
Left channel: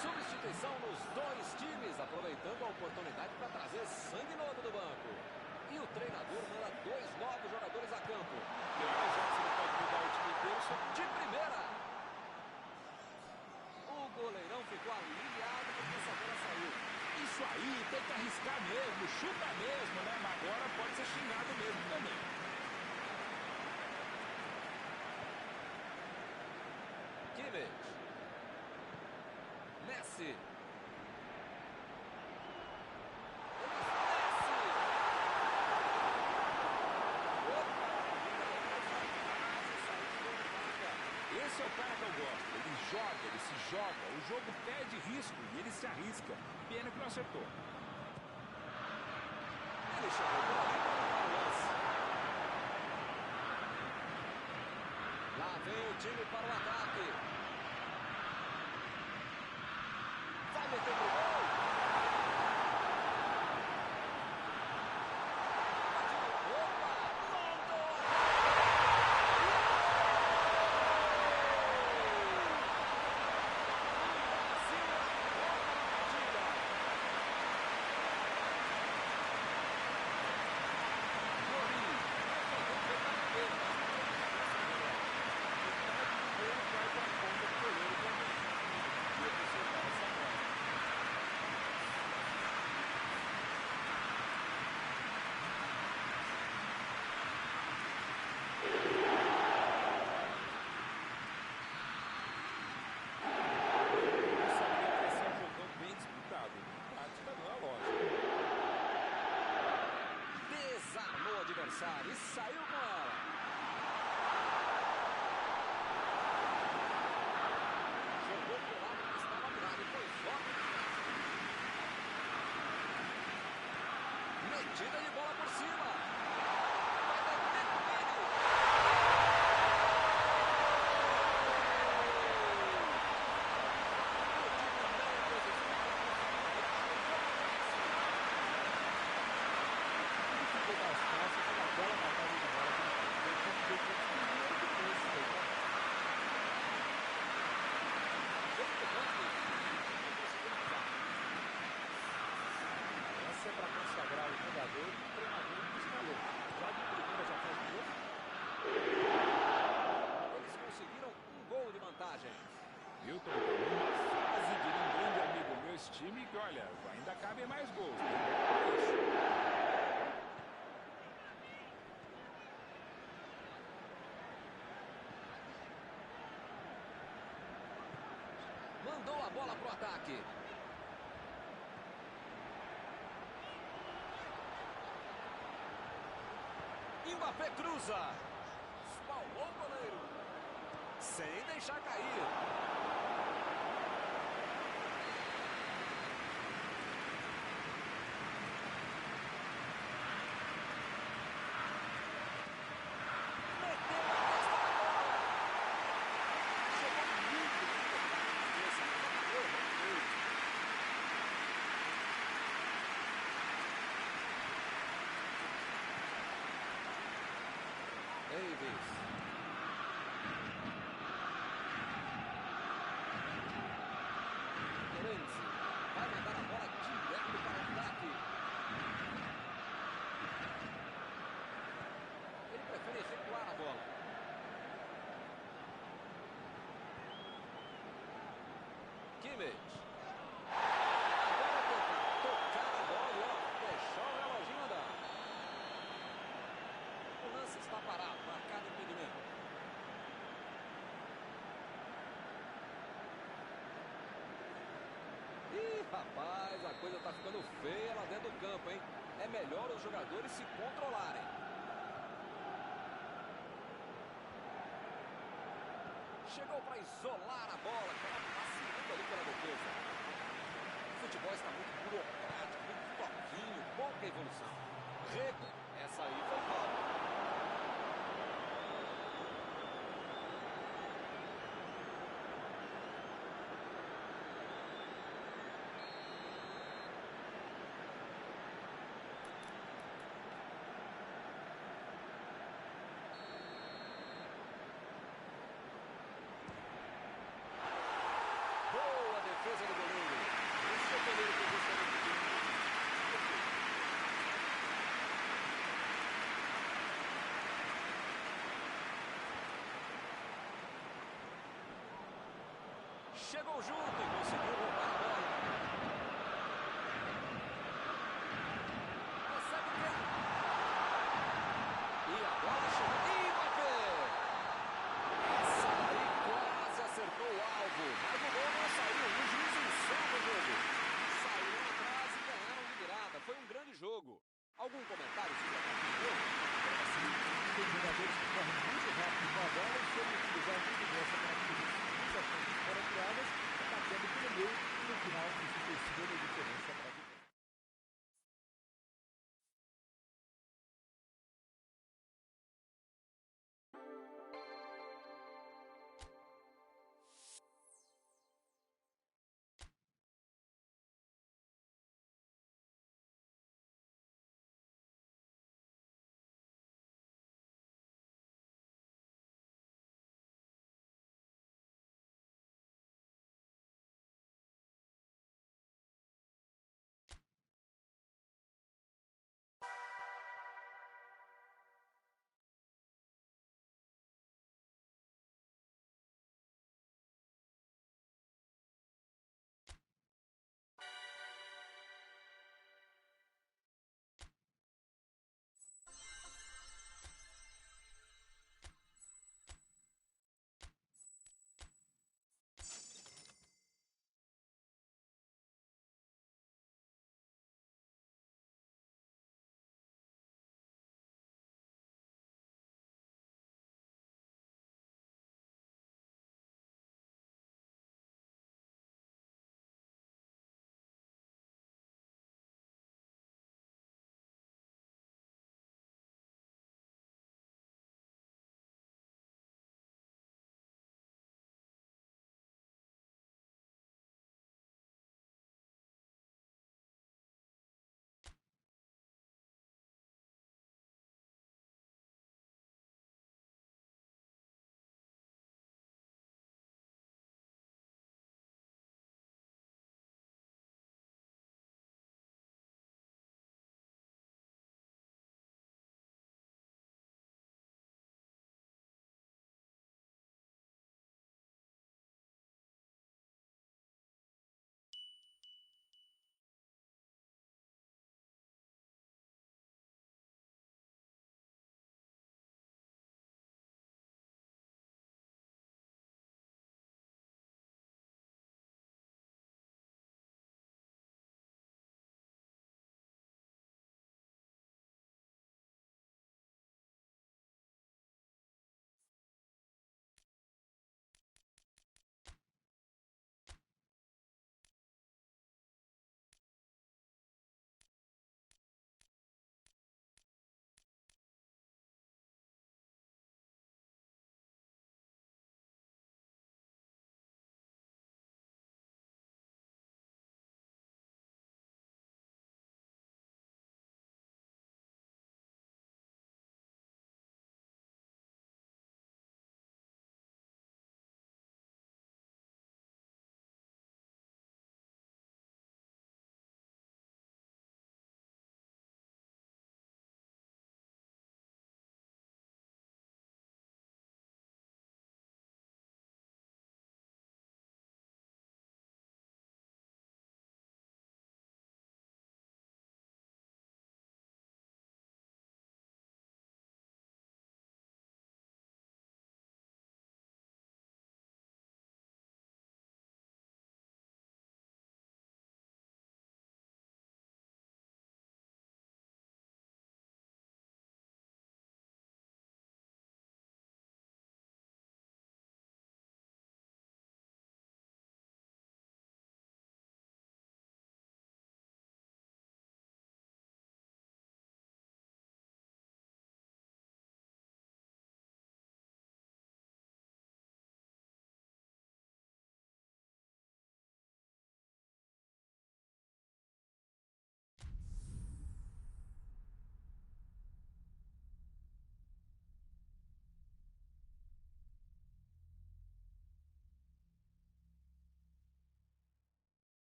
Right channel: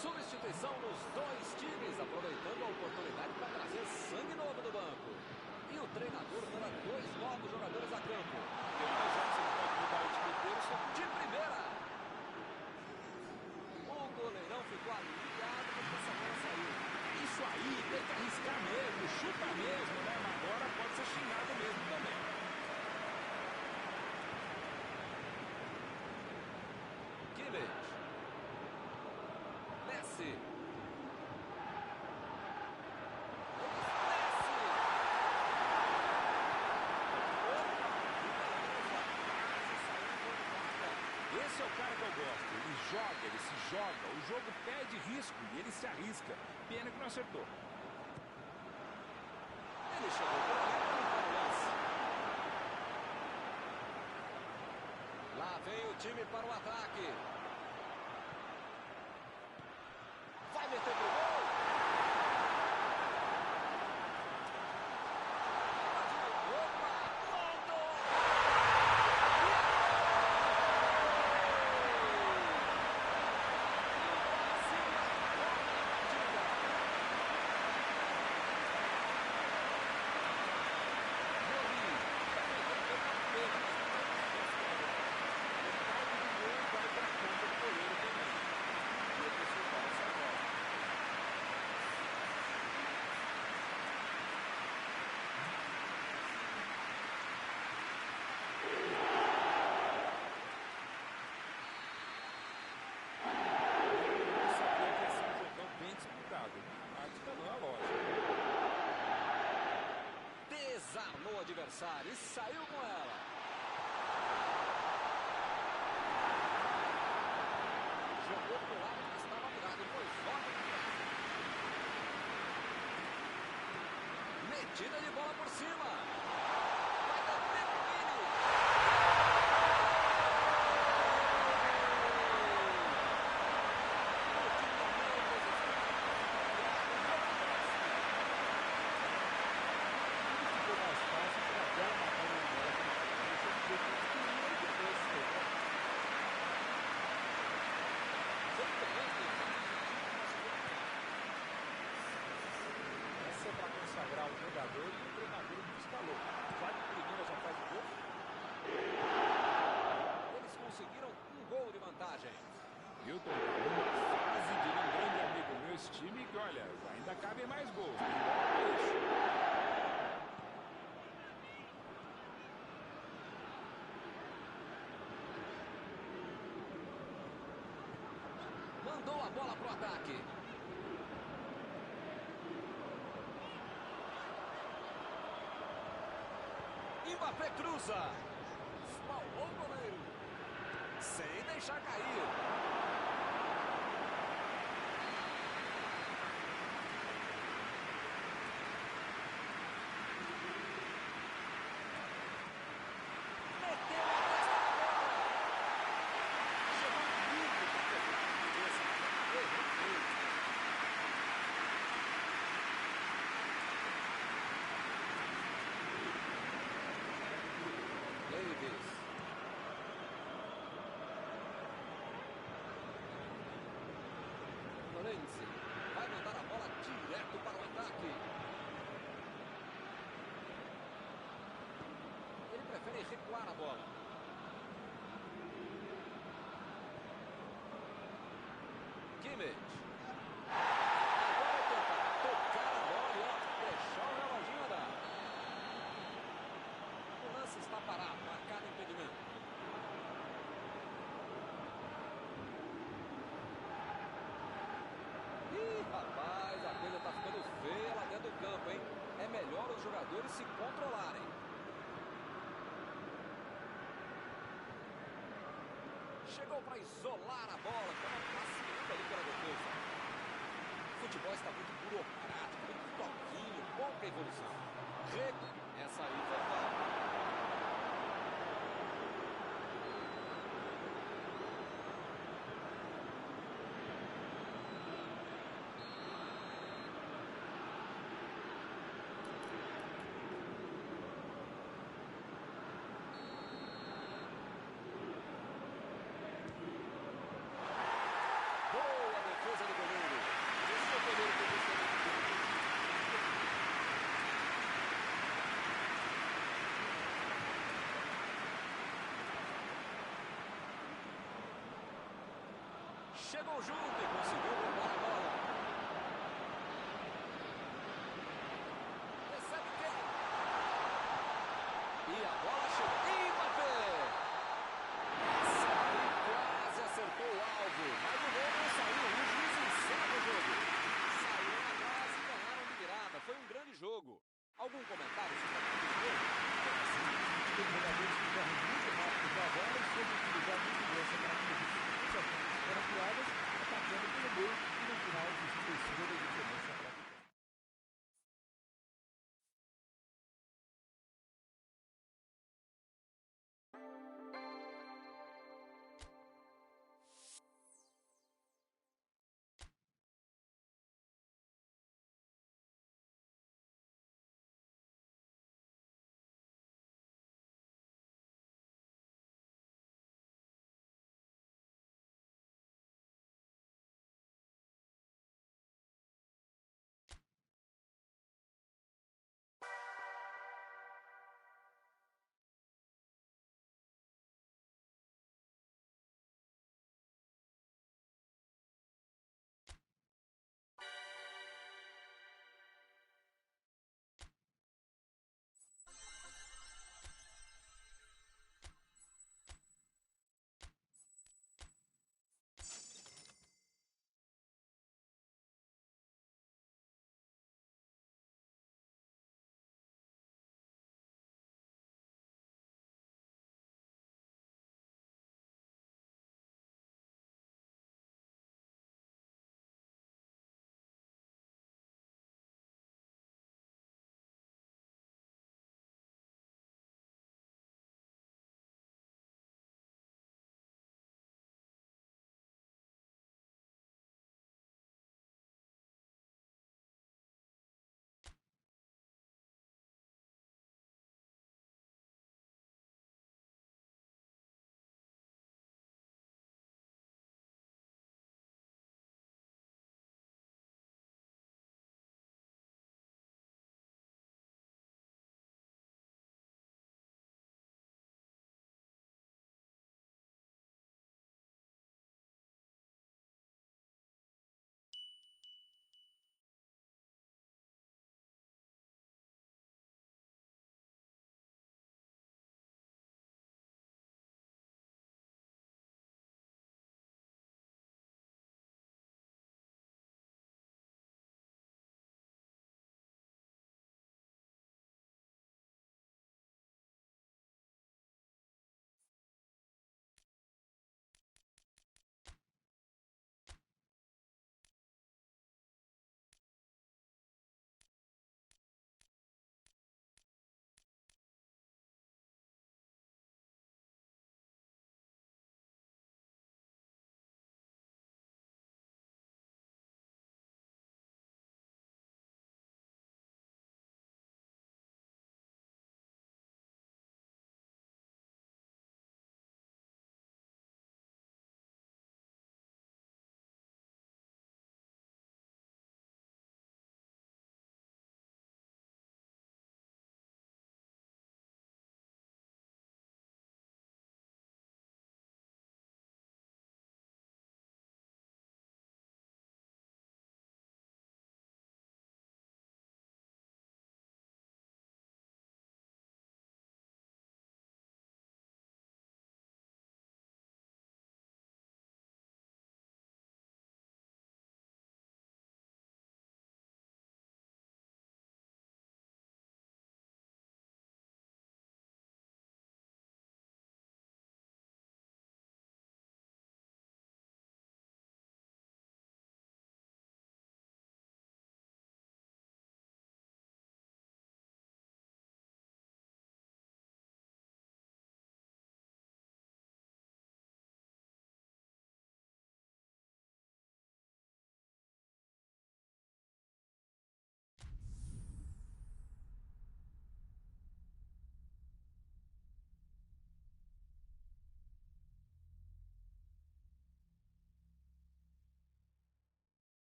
Substituição nos dois times, aproveitando a oportunidade para trazer sangue novo do banco. E o treinador manda dois novos jogadores a campo. Tem horas já que você não pode mudar o time inteiro, só De primeira! O goleirão ficou aliviado porque essa bola saiu. é isso aí, tem que arriscar mesmo, chuta mesmo, né? Mas agora pode ser xingado mesmo também. Kimmich. Messi. Ele desce. Opa, que beleza. Quase saiu um gol de placa. Esse é o cara que eu gosto. Ele joga, ele se joga. O jogo pede risco e ele se arrisca. Pena que não acertou. Ele chegou por ali para limpar o lance. Lá vem o time para o ataque. Vai meter pro gol. Opa, mandou. E é gol! O Brasil acorda na partida. Mori, defendeu na primeira, mas não tem distância melhor. Metade do gol vai para a conta do goleiro também. E eu preciso dar essa bola. Eu sabia que ia ser um jogão bem disputado. De prática não é lógico. Desarmou o adversário e saiu com ela. Jogou pro lado que estava virado e foi logo de casa. Metida de bola por cima. Vai deter o Vini. O time não resistiu e conseguiu virar o jogo cresce. Tudo ficou mais fácil com aquela matada de bola que ele fez. Deixou de ver que ele queria e depois saiu pra fora. Essa é para consagrar o jogador e o treinador que escalou. Já de primeira já faz o gol. Eles conseguiram um gol de vantagem. Milton tá numa fase, diria um grande amigo meu, esse time que, olha, ainda cabem mais gols. Tem bola pra isso. Mandou a bola pro ataque. Mbappé cruza. Espalmou o goleiro. Sem deixar cair. Meteu a testa na bola. Chegou muito para pegar na cabeça, mas acabou errando feio. Davis. Lorenzi vai mandar a bola direto para o ataque. Ele prefere recuar a bola. Kimmich. Agora é tentar tocar a bola e deixar o reloginho andar. O lance está parado, marcado impedimento. Ih, rapaz, a coisa tá ficando feia lá dentro do campo, hein? É melhor os jogadores se controlarem. Chegou para isolar a bola, que estava passeando ali pela defesa. O futebol está muito burocrático, muito toquinho, pouca evolução. Essa aí foi falta. Boa defesa do goleiro. Esse é o goleiro que eu gostaria de ter. Chegou junto e conseguiu roubar a bola. Recebe quem? E a bola chegou. Mbappé! Essa daí quase acertou o alvo, mas o gol não saiu. E o juiz encerra o jogo. Saíram atrás e ganharam de virada. Foi um grande jogo. Algum comentário sobre a partida de hoje? Tem jogadores que correm muito rápido com a bola e soube utilizar muito bem essa característica. Muitas chances foram criadas, atacando pelo meio e no final isso fez toda a diferença para a vitória.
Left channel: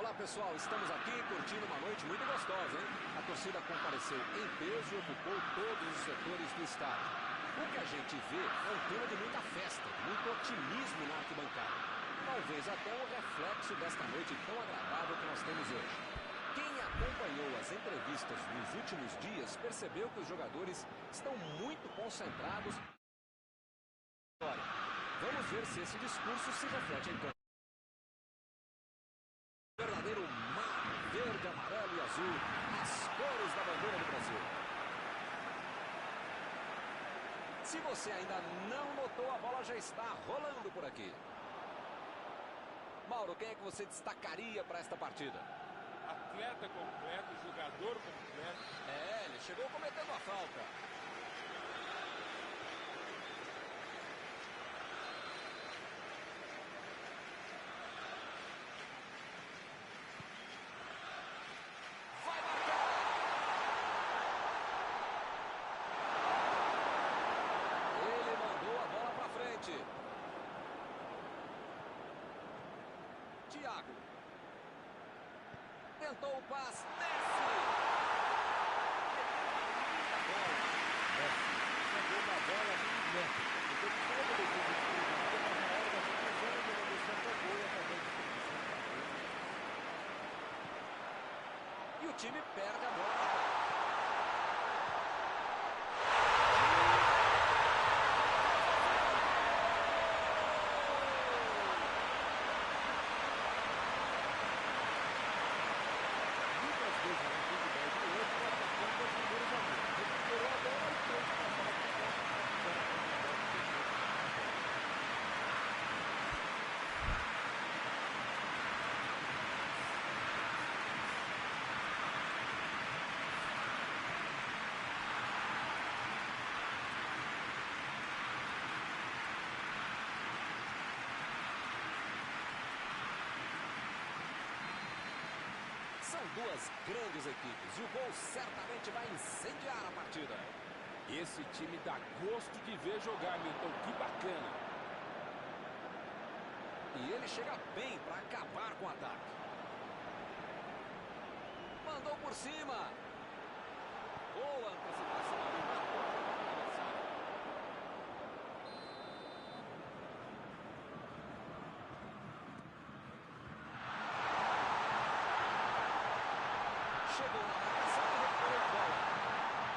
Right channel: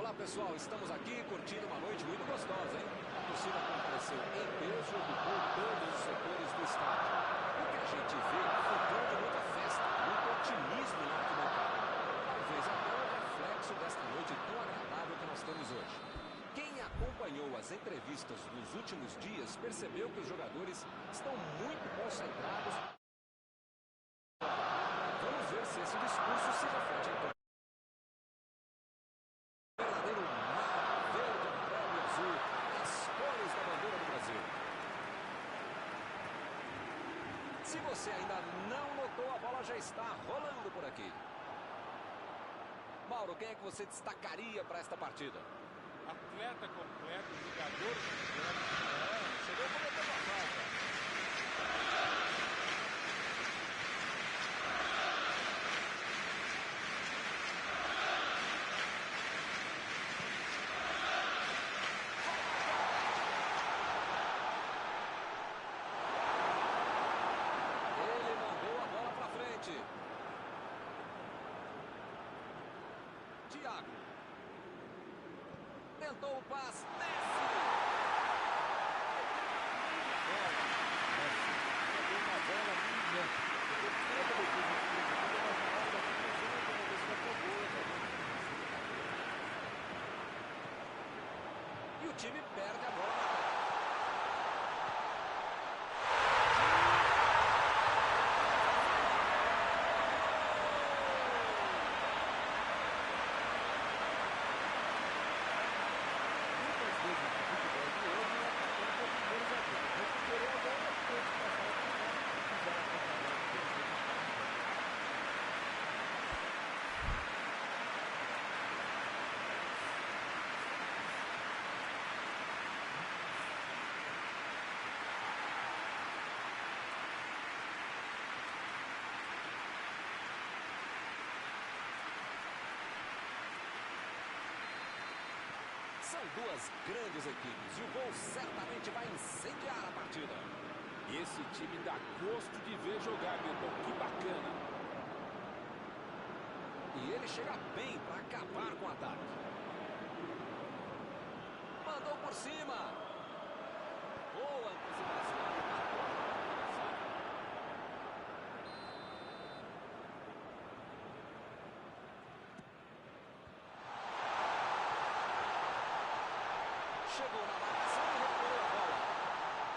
Olá pessoal, estamos aqui curtindo uma noite muito gostosa, hein? A torcida compareceu em peso e ocupou todos os setores do estádio. O que a gente vê é um clima de muita festa, muito otimismo na arquibancada. Talvez até o reflexo desta noite tão agradável que nós temos hoje. Quem acompanhou as entrevistas nos últimos dias percebeu que os jogadores estão muito concentrados. Vamos ver se esse discurso se reflete em campo. Verdadeiro mar verde, amarelo e azul, as cores da bandeira do Brasil. Se você ainda não notou, a bola já está rolando por aqui. Mauro, quem é que você destacaria para esta partida? Atleta completo, jogador completo. Ele chegou cometendo a falta. Ele mandou a bola para frente. Thiago. Tentou o passe. Messi. Meteu uma linda bola. Messi mandou uma bola milimétrica. Depois de toda a defesa desprevenida, mas na hora da conclusão, o jogador se afogou e acabou de finalizar. E o time perde a bola no ataque. Muitas vezes no futebol de hoje, o atacante é o primeiro zagueiro. Recuperou a bola e todos passaram a atacar e fizeram a contra-bola perfeita. São duas grandes equipes e o gol certamente vai incendiar a partida. Esse time dá gosto de ver jogar, Milton. Que bacana. E ele chega bem para acabar com o ataque. Mandou por cima. Boa antecipação ali, matou o adversário. Chegou na marcação e recuperou a bola.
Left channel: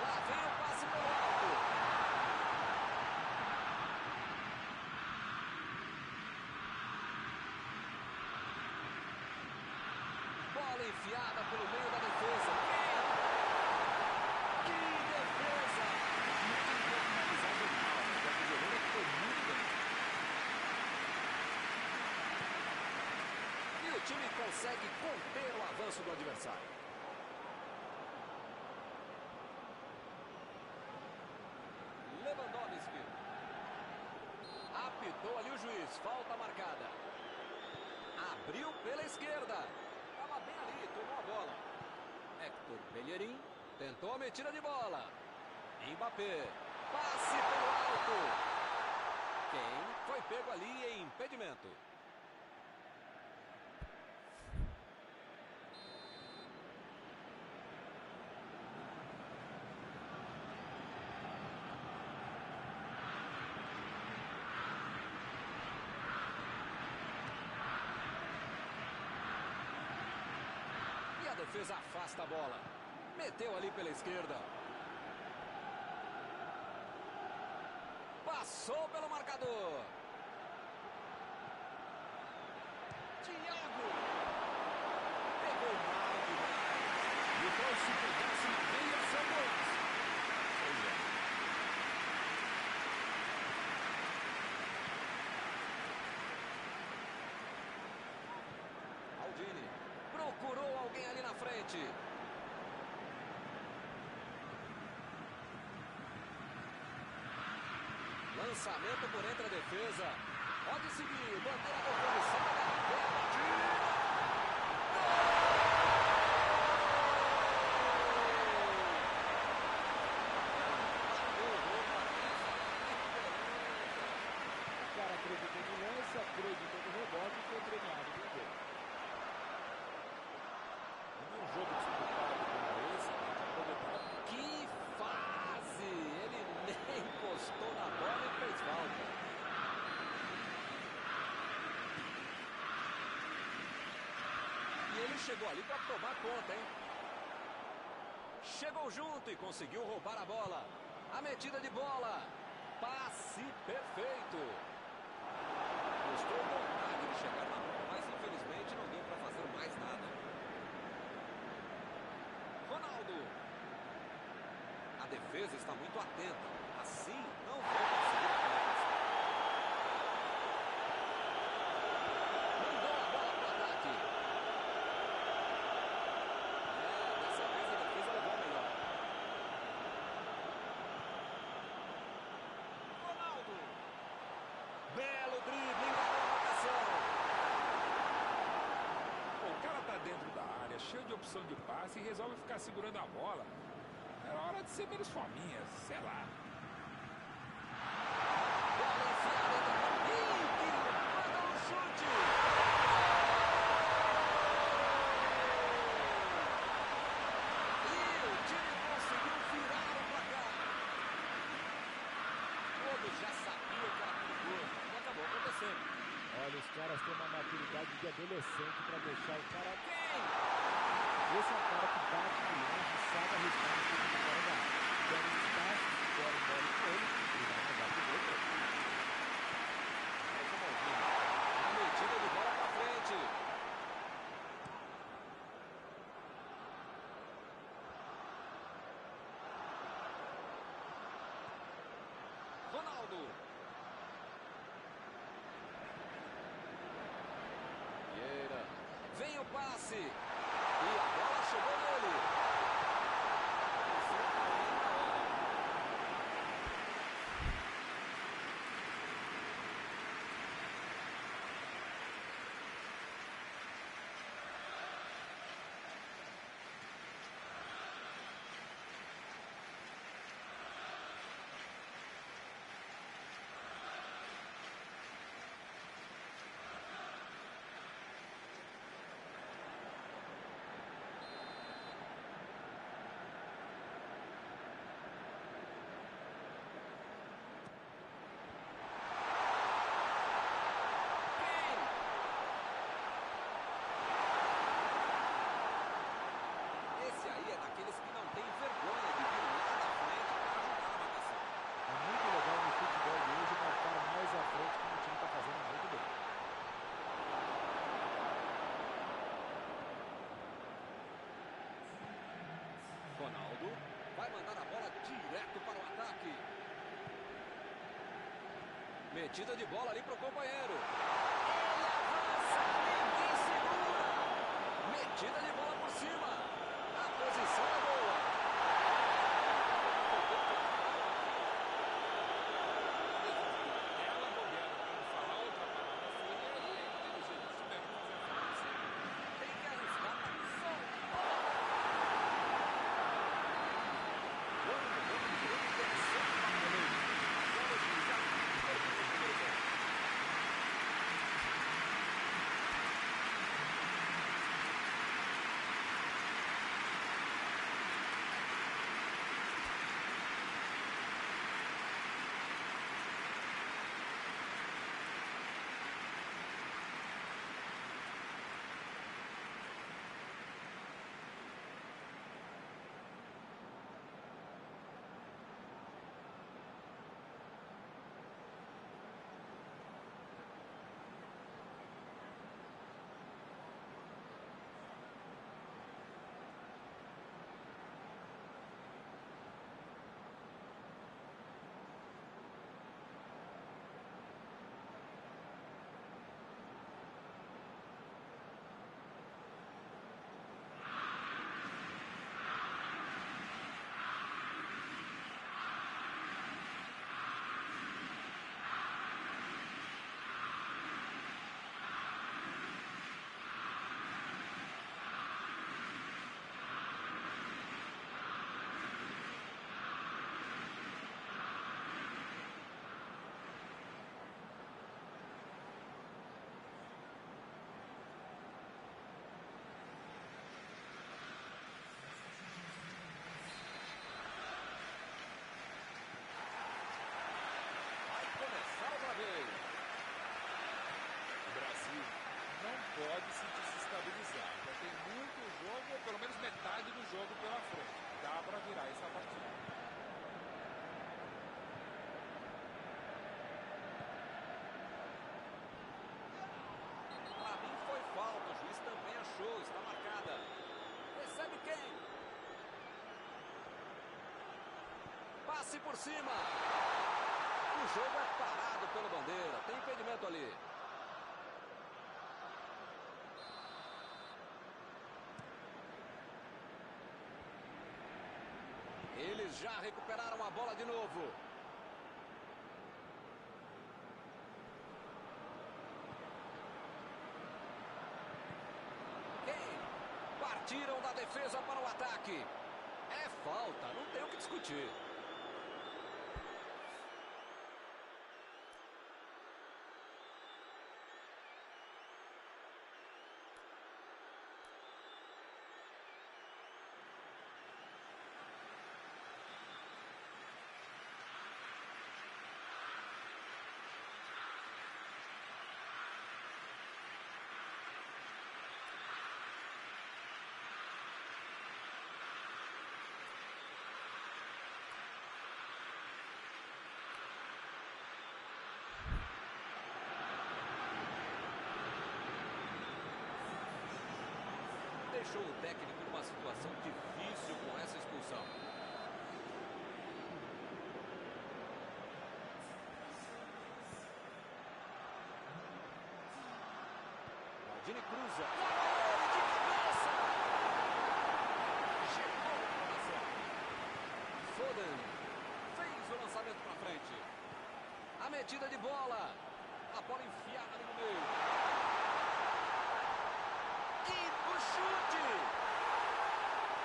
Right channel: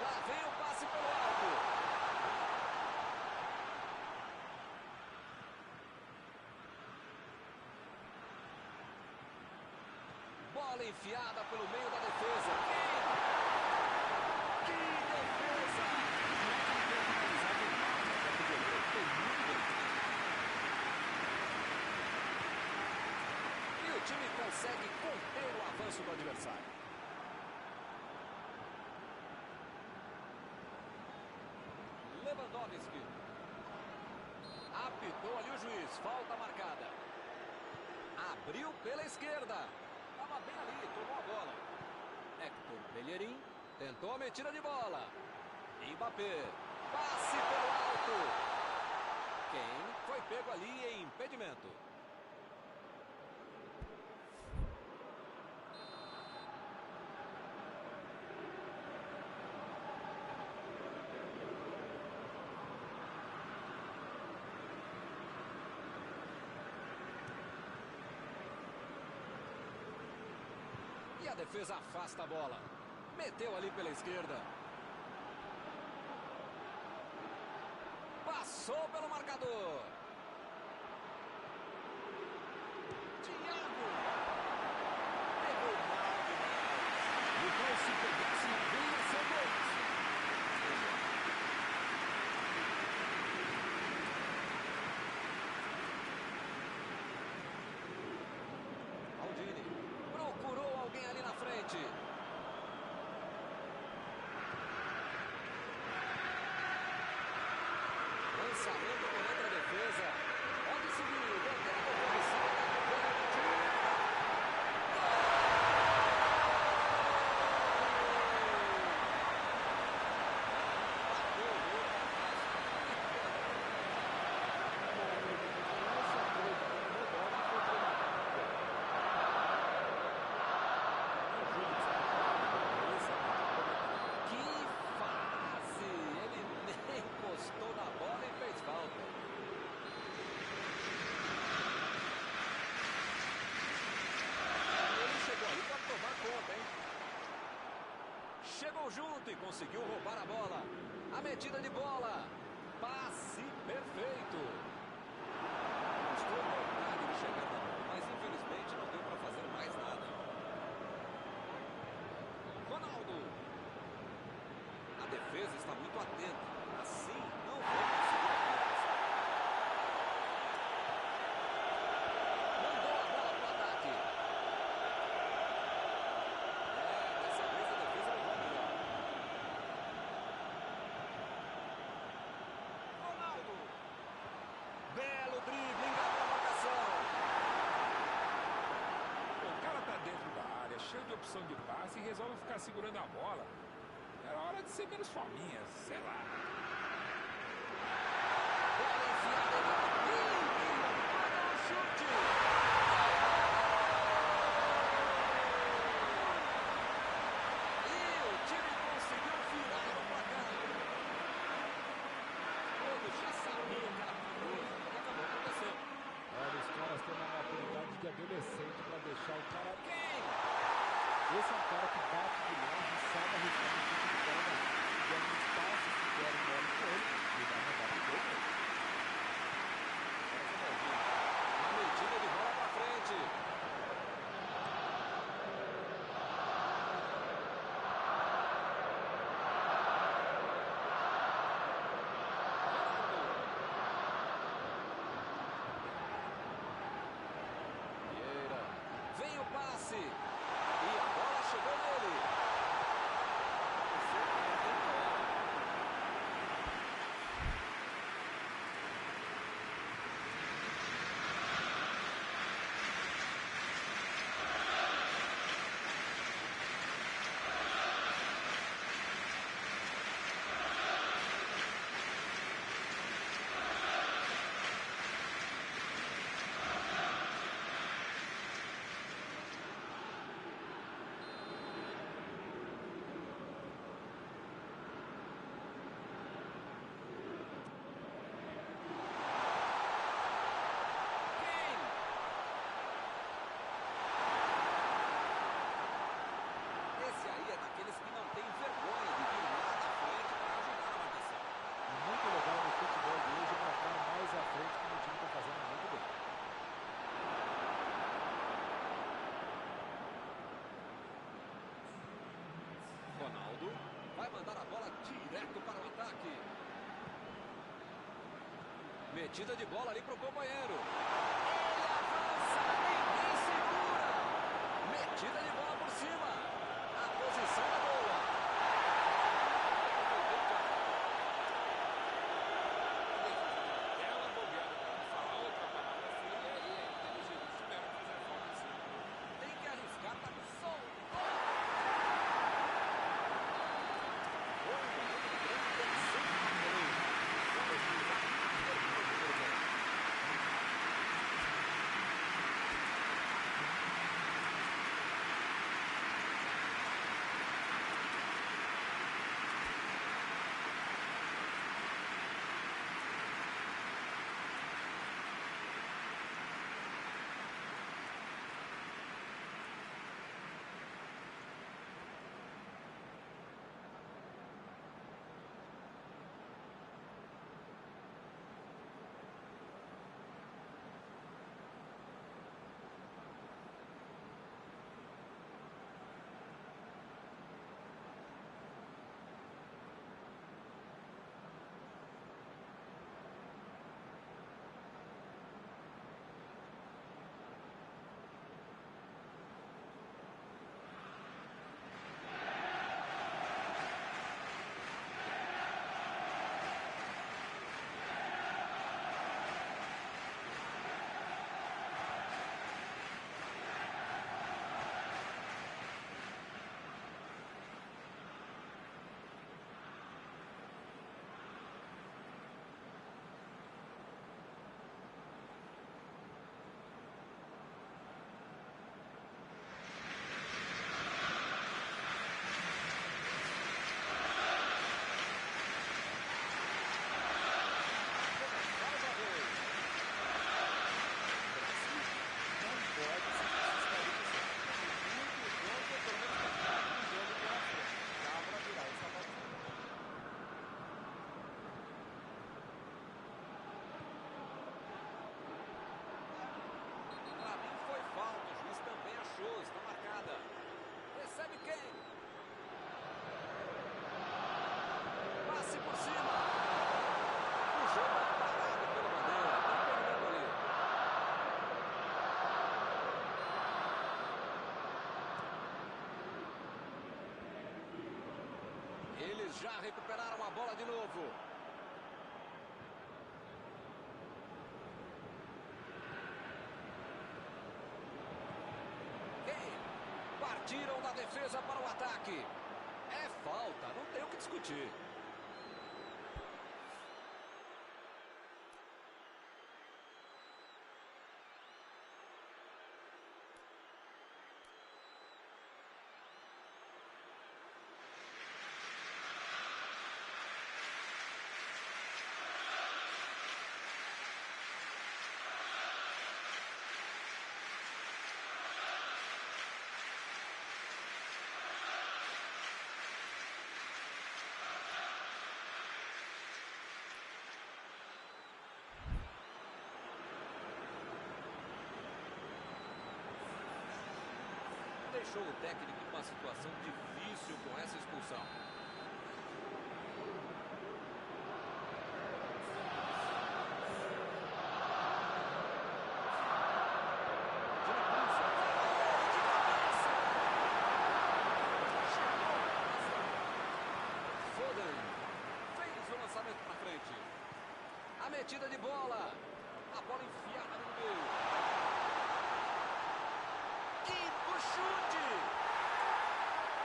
Lá vem o passe pelo alto. Bola enfiada pelo meio da defesa. Que defesa! Não é que ele tenha finalizado mal, mas é que o goleiro foi muito bem. E o time consegue conter o avanço do adversário. Lewandowski. Apitou ali o juiz. Falta marcada. Abriu pela esquerda. Estava bem ali, tomou a bola. Héctor Bellerin tentou a metida de bola. Mbappé. Passe pelo alto. Kane foi pego ali em impedimento. E a defesa afasta a bola. Meteu ali pela esquerda. Passou pelo marcador. Thiago. Pegou mal demais. E o Paulo, se pegasse na veia, são golaço. Pois é. Aldini. Procurou alguém ali na frente. Lançamento por entre a defesa. Pode seguir. Bandeira do gol. Sai da tira. Bateu o gol para trás. O cara acreditou no lance, acreditou no rebote e foi treinamento no gol. chegou ali para tomar conta, hein? Chegou junto e conseguiu roubar a bola. A metida de bola. Passe perfeito. Mostrou vontade de chegar na bola, mas infelizmente não deu para fazer mais nada. Ronaldo. A defesa está muito atenta. Assim não vou conseguir a penetração. Mandou a bola para o ataque. Dessa vez a defesa levou a melhor. Ronaldo. Belo drible, enganou a marcação. O cara tá dentro da área, cheio de opção de passe e resolve ficar segurando a bola. Era hora de ser menos fominha, sei lá. Bola enfiada que manda um chute. E o time conseguiu virar o placar. Todos já sabiam que era perigoso e acabou acontecendo. Olha, os caras têm uma maturidade de adolescente para deixar o cara... Quem? Esse é um cara que bate de longe e sabe arriscar um chute de fora da área. Dando um espaço, se der um mole com ele, ele vai mandar pro gol mesmo. Agora com o Maldini. Uma metida de bola pra frente. Ronaldo. Vieira. Vem o passe. E a bola chegou nele. Aconteceu também na hora. Esse aí é daqueles que não tem vergonha de vir lá na frente para ajudar na marcação. É muito legal no futebol de hoje marcar mais à frente, como o time está fazendo muito bem. Ronaldo vai mandar a bola direto para o ataque. Metida de bola ali para o companheiro. Ele avança, ninguém segura. Metida de bola por cima. A posição é boa. Aquela bobeada, para não falar outra palavra feia, e aí é inteligente. Tiveram que fazer a falta em cima. Tem que arriscar, tá só. Foi um momento de grande tensão para o goleiro. Agora o juiz termina o primeiro tempo. jogada. Recebe quem? Passe por cima. O jogo é parado pela bandeira. Tem impedimento ali. Eles já recuperaram a bola de novo. Partiram da defesa para o ataque. É falta, não tem o que discutir. Deixou o técnico numa situação difícil com essa expulsão. Aldini cruza. Ele de cabeça. Chegou a informação. Foden fez o lançamento para frente. A metida de bola. A bola enfiada ali no meio. O chute!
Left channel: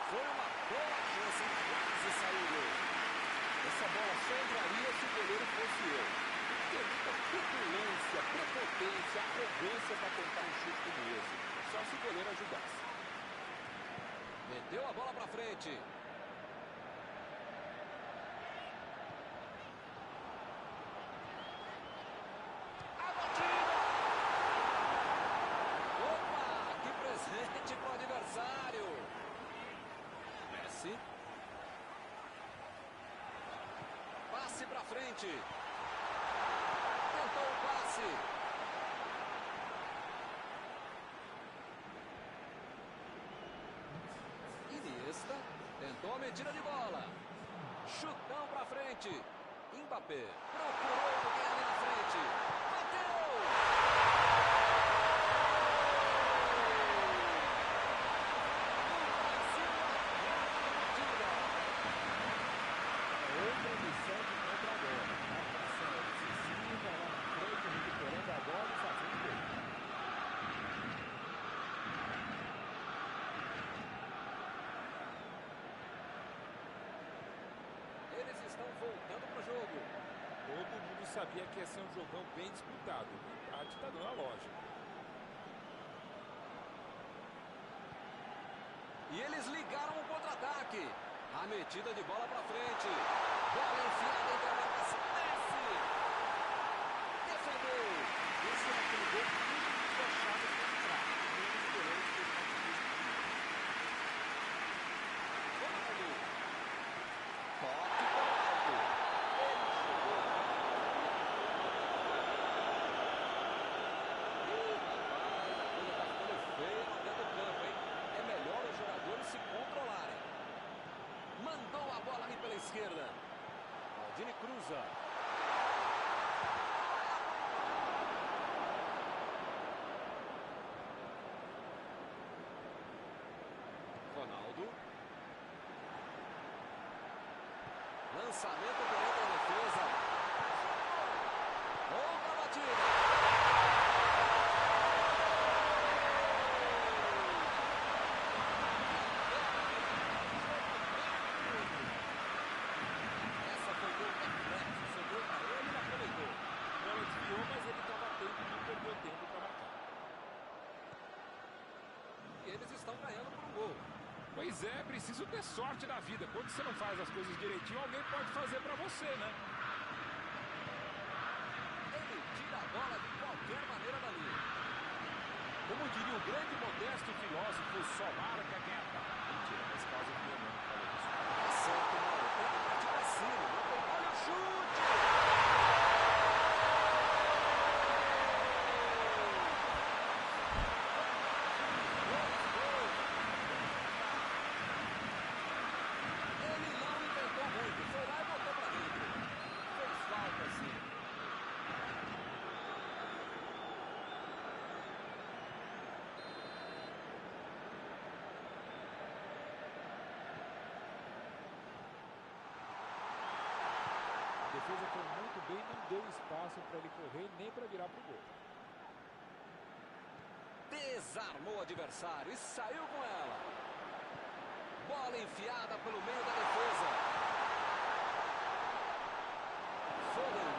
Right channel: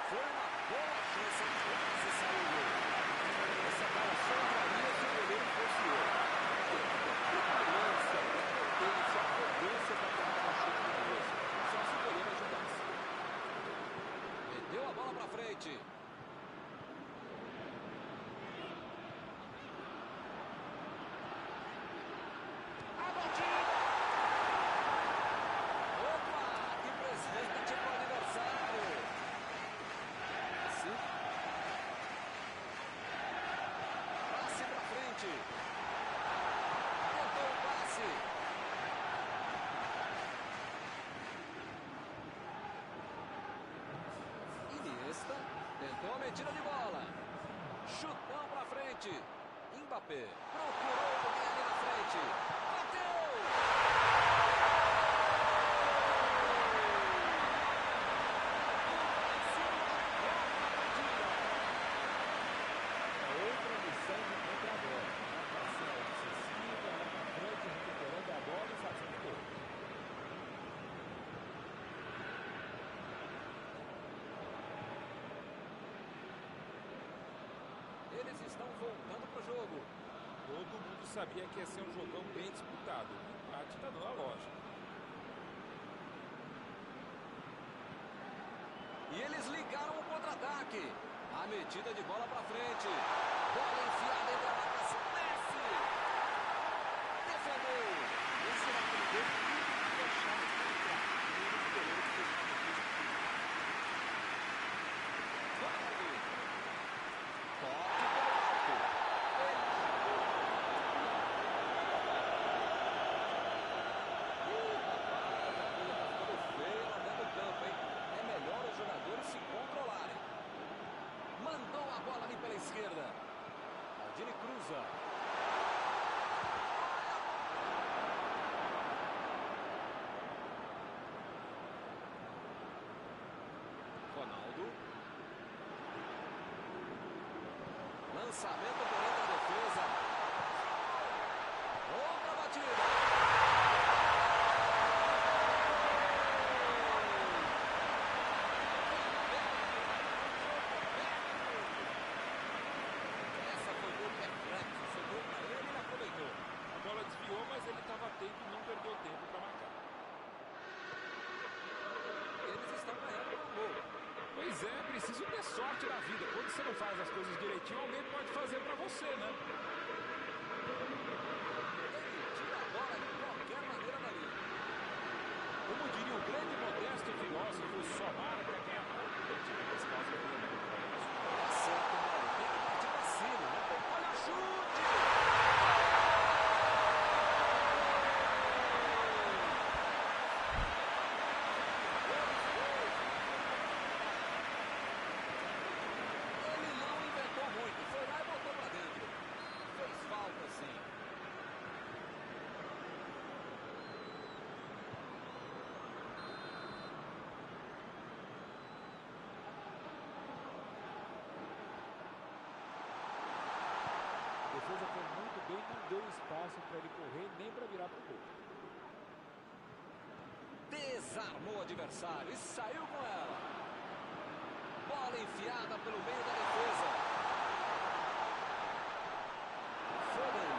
Foi uma boa chance, quase saiu o gol. Essa bola só entraria se o goleiro fosse eu. Tem muita petulância, prepotência, arrogância para tentar um chute como esse. Só se o goleiro ajudasse. Meteu a bola para frente. A batida! Presente para o adversário. Messi. Passe para frente. Tentou o passe. Iniesta. Tentou a metida de bola. Chutão para frente. Mbappé. Procurou alguém ali na frente. Bateu! Eles estão voltando para o jogo. Todo mundo sabia que ia ser um jogão bem disputado. O empate está dando a lógica. E eles ligaram o contra-ataque. A metida de bola para frente. Bola enfiada entre a marcação. Messi! Defendeu. Esse era aquele gol que todo mundo achava que ia entrar. Menos o goleiro que fez uma defesa incrível. Ronaldo. Toque pelo alto. Ele chegou. Ih, rapaz, a coisa tá ficando feia lá dentro do campo, hein? É melhor os jogadores se controlarem. Mandou a bola ali pela esquerda. Aldini cruza. Ronaldo. Lançamento por entre a defesa. Outra batida. Essa foi gol reflexo. Sobrou para ele e ele aproveitou. A bola desviou, mas ele estava atento e não perdeu tempo para marcar. E eles estão ganhando por um gol. Pois é, preciso ter sorte na vida. Quando você não faz as coisas direitinho, alguém pode fazer pra você, né? Ele tira a bola de qualquer maneira dali. Como diria o grande modesto filósofo, só marca quem ataca. Mentira, nesse caso eu fui não para isso. Tá certo, Mauro. Tem que partir pra cima. Não tem... Olha o chute! defesa foi muito bem, não deu espaço para ele correr nem para virar para o gol. Desarmou o adversário e saiu com ela. Bola enfiada pelo meio da defesa. Foden.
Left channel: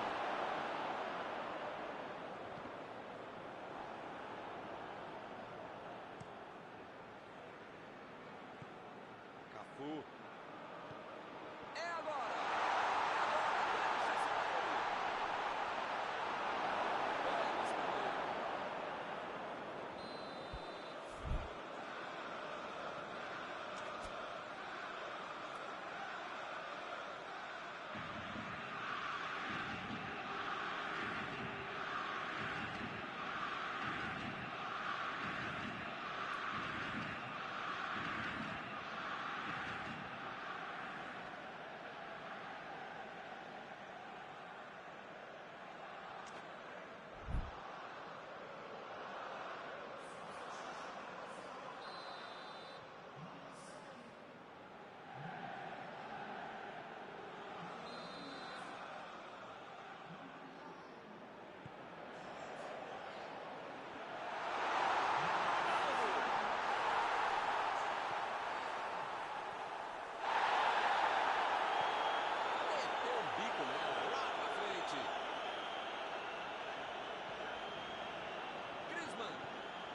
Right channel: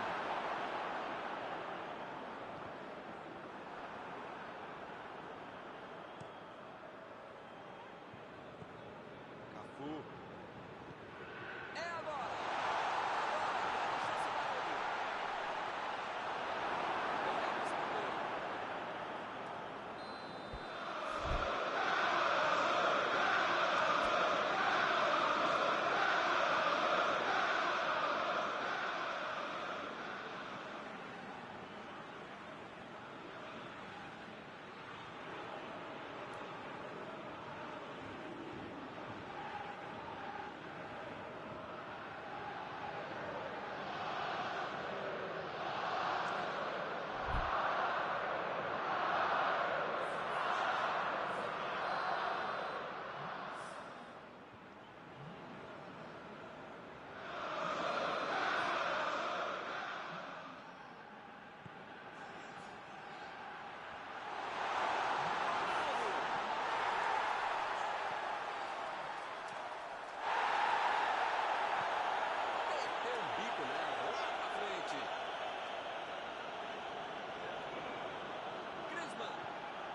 Cafu. É agora. Grande chance para ele. Belo escanteio.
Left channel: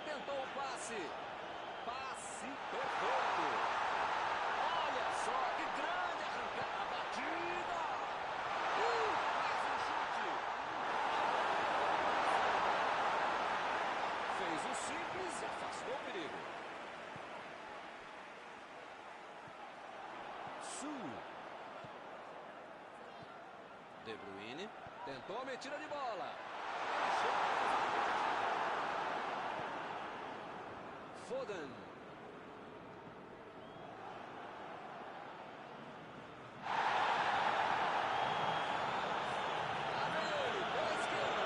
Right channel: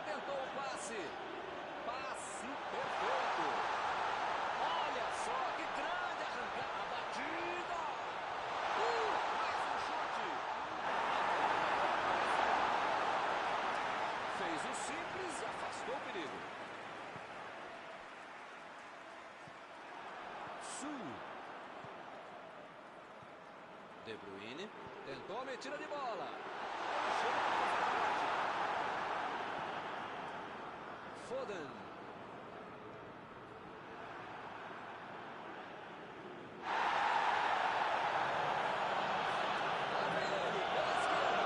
Tentou o passe. Passe perfeito. Olha só que grande arrancada. A batida. Mais um chute. Fez o simples e afastou o perigo. De Bruyne. Tentou a metida de bola. Ele chega a cruzar forte. Foden. Lá vem ele, pela esquerda.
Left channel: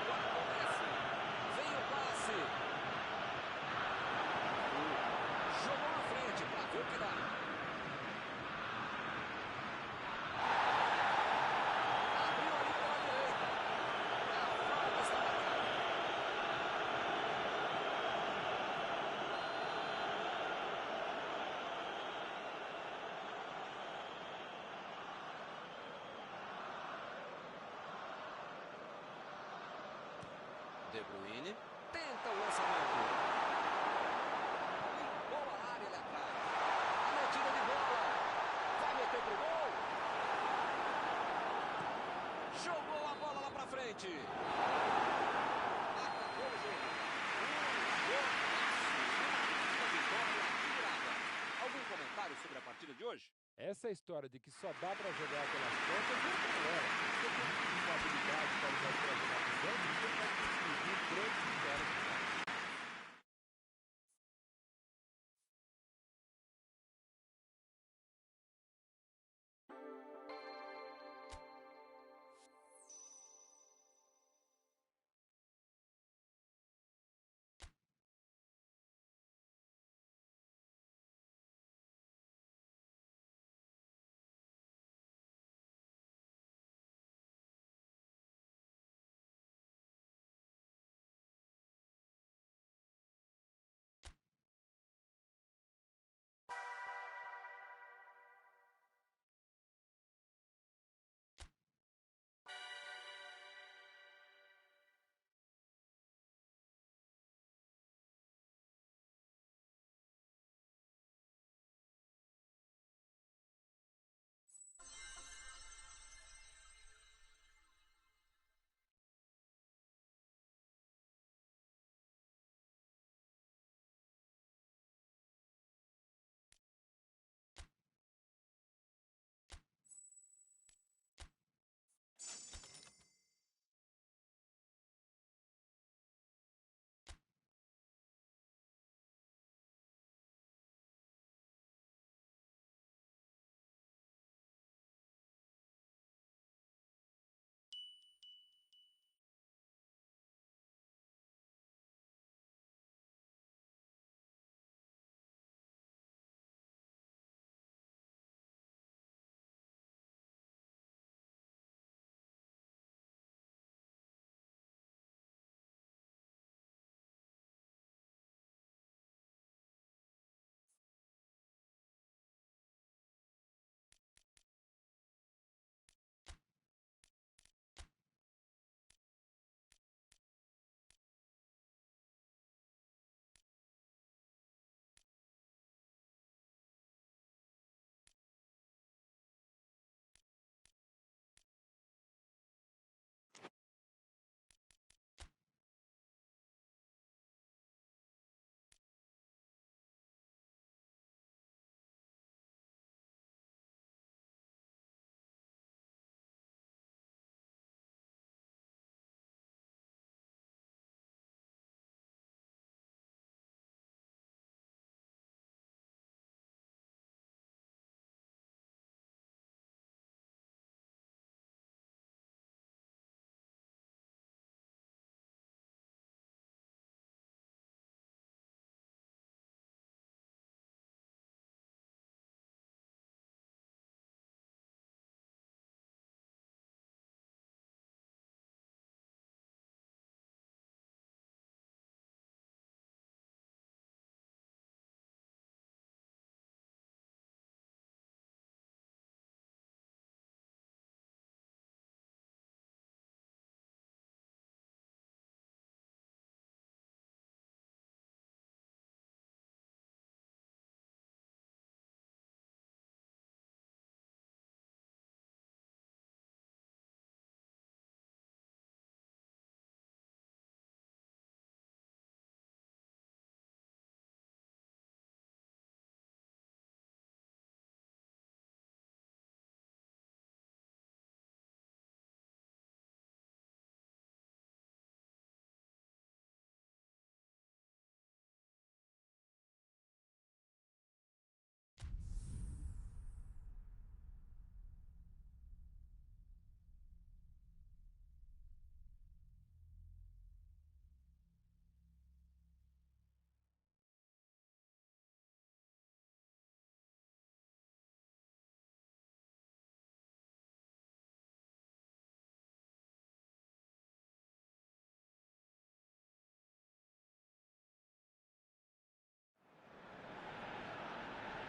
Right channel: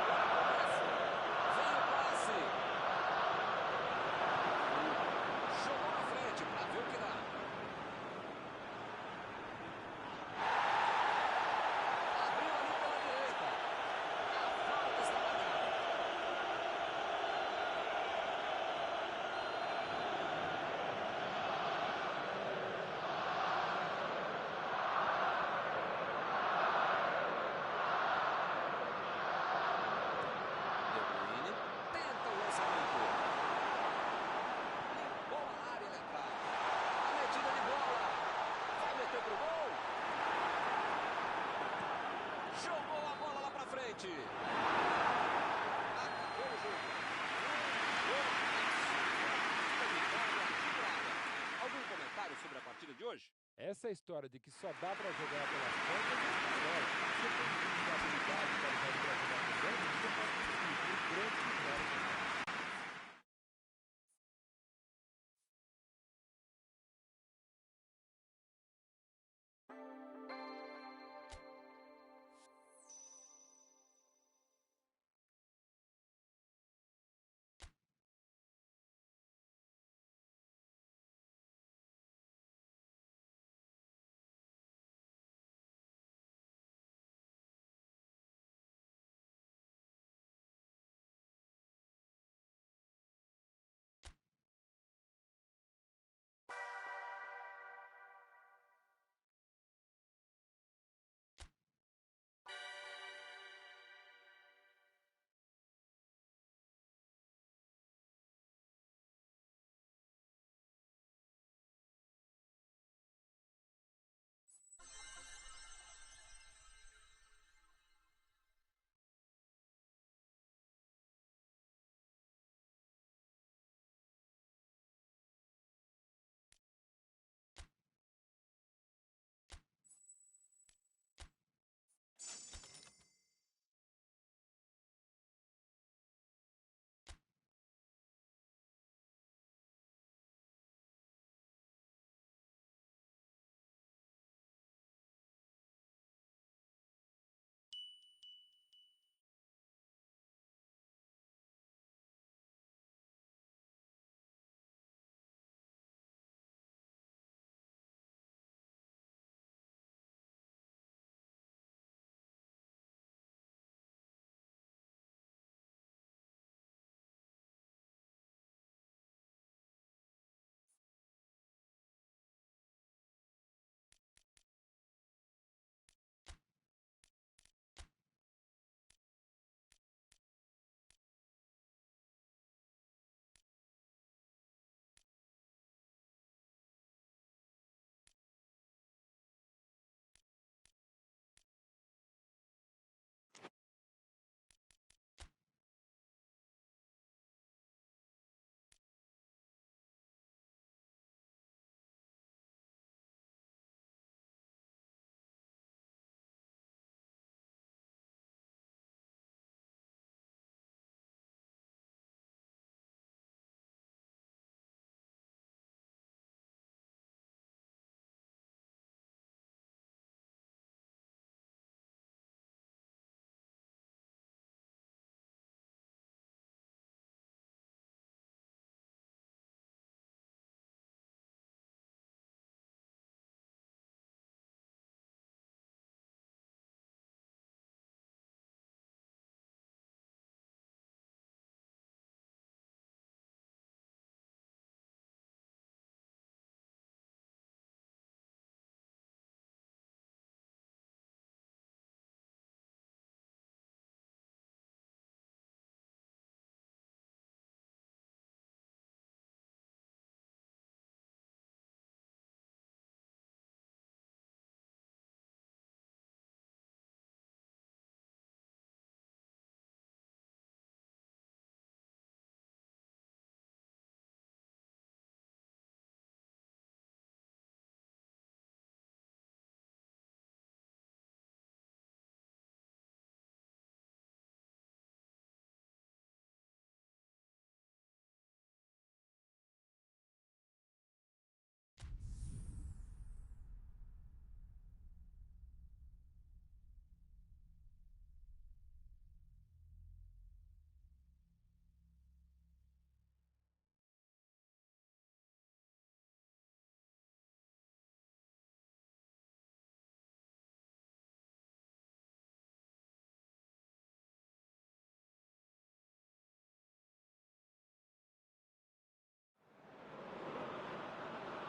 Agora começa. Vem o passe. Jogou na frente para ver o que dá. Abriu ali pela direita. A falta está marcada. De Bruyne tenta o lançamento. Limpou a área ali atrás. A metida de bola. Vai meter pro gol. Jogou a bola lá pra frente. Acabou o jogo. Jogaço. Uma vitória admirada. Algum comentário sobre a partida de hoje? Essa história de que só dá para jogar pelas pontas é balela. Você tem que ter habilidade e qualidade para jogar por dentro, você pode conseguir grandes vitórias.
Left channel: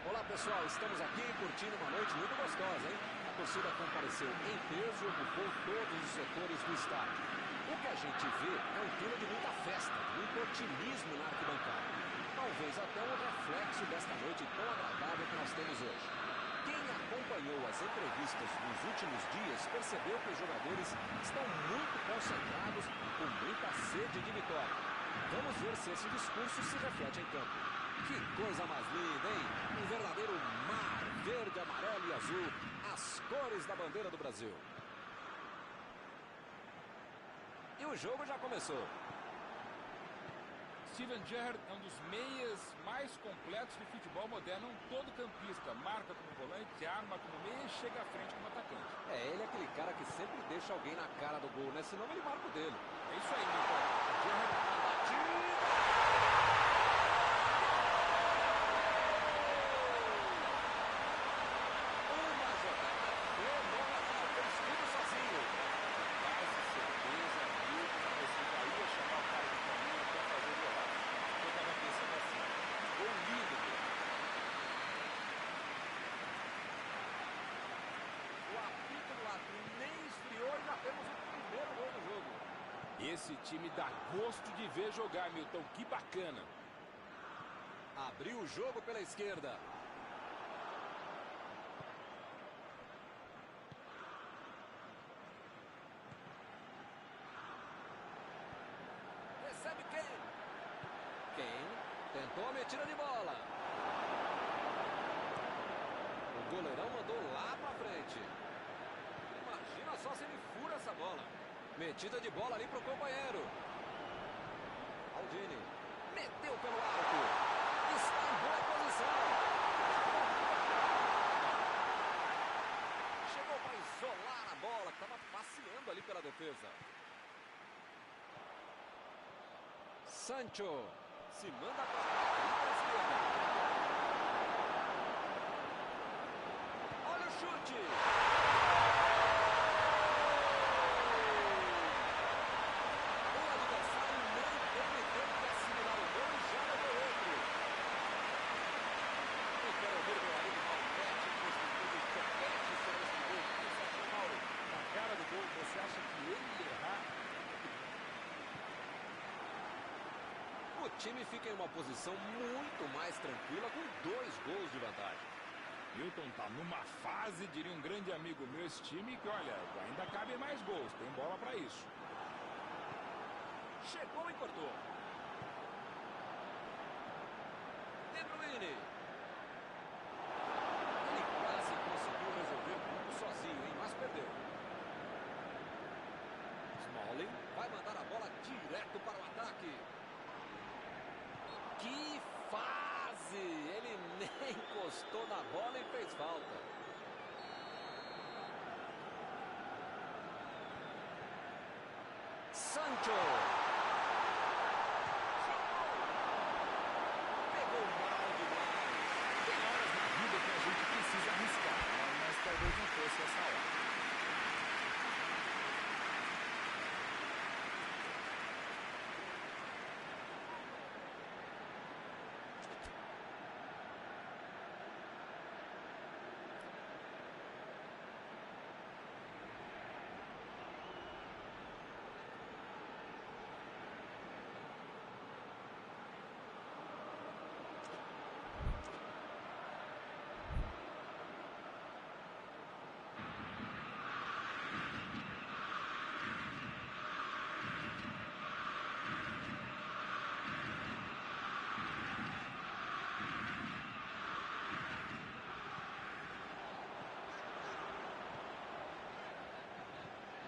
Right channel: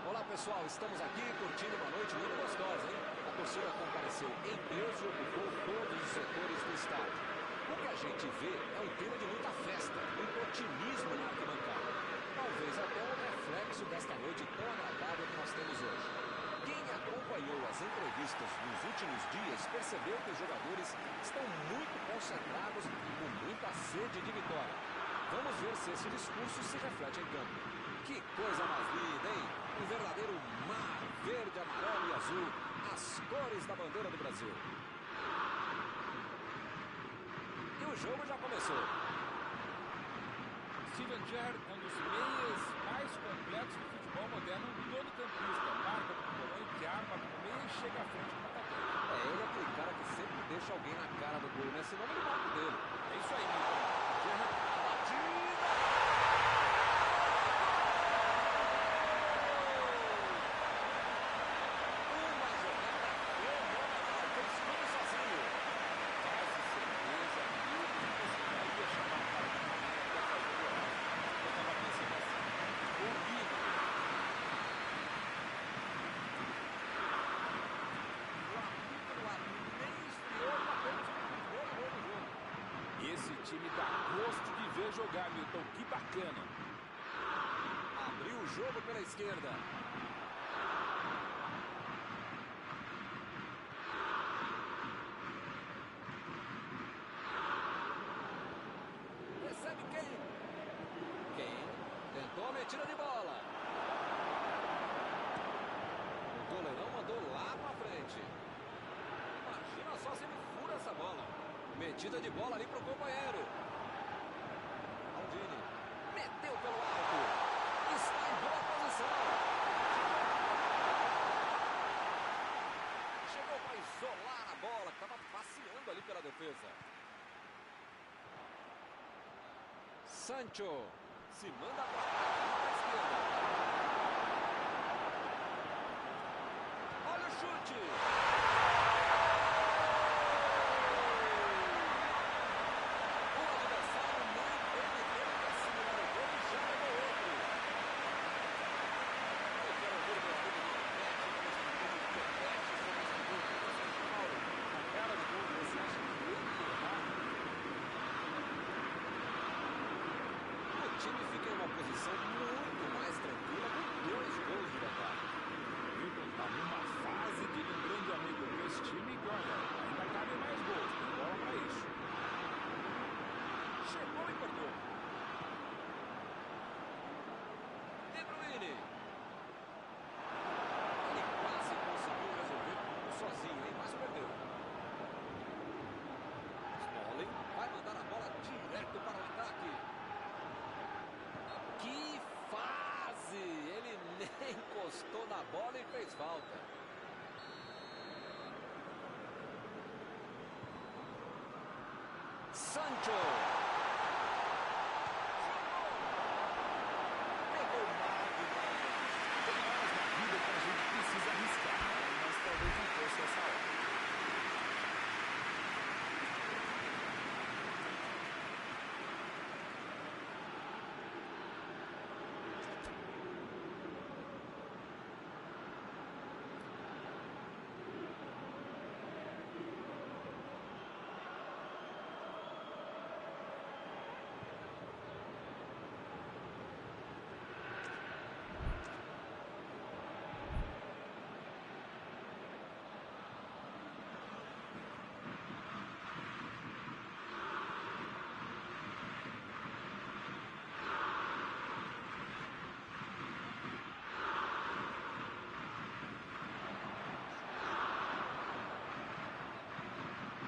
Olá pessoal, estamos aqui curtindo uma noite muito gostosa, hein? A torcida compareceu em peso e ocupou todos os setores do estádio. O que a gente vê é um clima de muita festa, muito otimismo na arquibancada. Talvez até um reflexo desta noite tão agradável que nós temos hoje. Quem acompanhou as entrevistas dos últimos dias percebeu que os jogadores estão muito concentrados e com muita sede de vitória. Vamos ver se esse discurso se reflete em campo. Que coisa mais linda, hein? Um verdadeiro mar verde, amarelo e azul, as cores da bandeira do Brasil. E o jogo já começou. Steven Gerrard é um dos meias mais completos do futebol moderno, um todo campista, marca como volante, arma como meia e chega à frente como atacante. Ele é aquele cara que sempre deixa alguém na cara do gol, né? Senão ele marca o dele. É isso aí, Milton. Gerrard, a batida! Uma jogada fenomenal, fez tudo sozinho. Quase certeza, Milton, que você já ia chamar o cara de caminho até fazer o golaço. Eu estava pensando assim, gol lindo, velho. O apito do árbitro nem esfriou e já temos o primeiro gol do jogo. Esse time dá gosto de ver jogar, Milton, que bacana. Abriu o jogo pela esquerda. Recebe Kane. Kane tentou a metida de bola. O goleirão mandou lá pra frente. Imagina só se ele fura essa bola. Metida de bola ali pro companheiro. Aldini meteu pelo alto. Está em boa posição. Chegou para isolar a bola que estava passeando ali pela defesa. Sancho se manda para trás, ali para a esquerda. Olha o chute. O adversário nem teve tempo de assimilar o gol e já levou outro. Eu quero ouvir meu amigo Malpete, construindo o topete sobre este gol. O que você achou, Mauro? Na cara do gol, você acha que ele ia errar? O time fica em uma posição muito mais tranquila com 2 gols de vantagem. Milton tá numa fase, diria um grande amigo meu, esse time que, olha, ainda cabem mais gols, tem bola para isso. Chegou e cortou. De Bruyne. Ele quase conseguiu resolver tudo sozinho, hein? Mas perdeu. Smalling vai mandar a bola direto para o ataque. Que fase! Ele nem encostou na bola e fez falta. Sancho. Pegou mal demais. Tem horas na vida que a gente precisa arriscar, né? Mas talvez não fosse essa hora.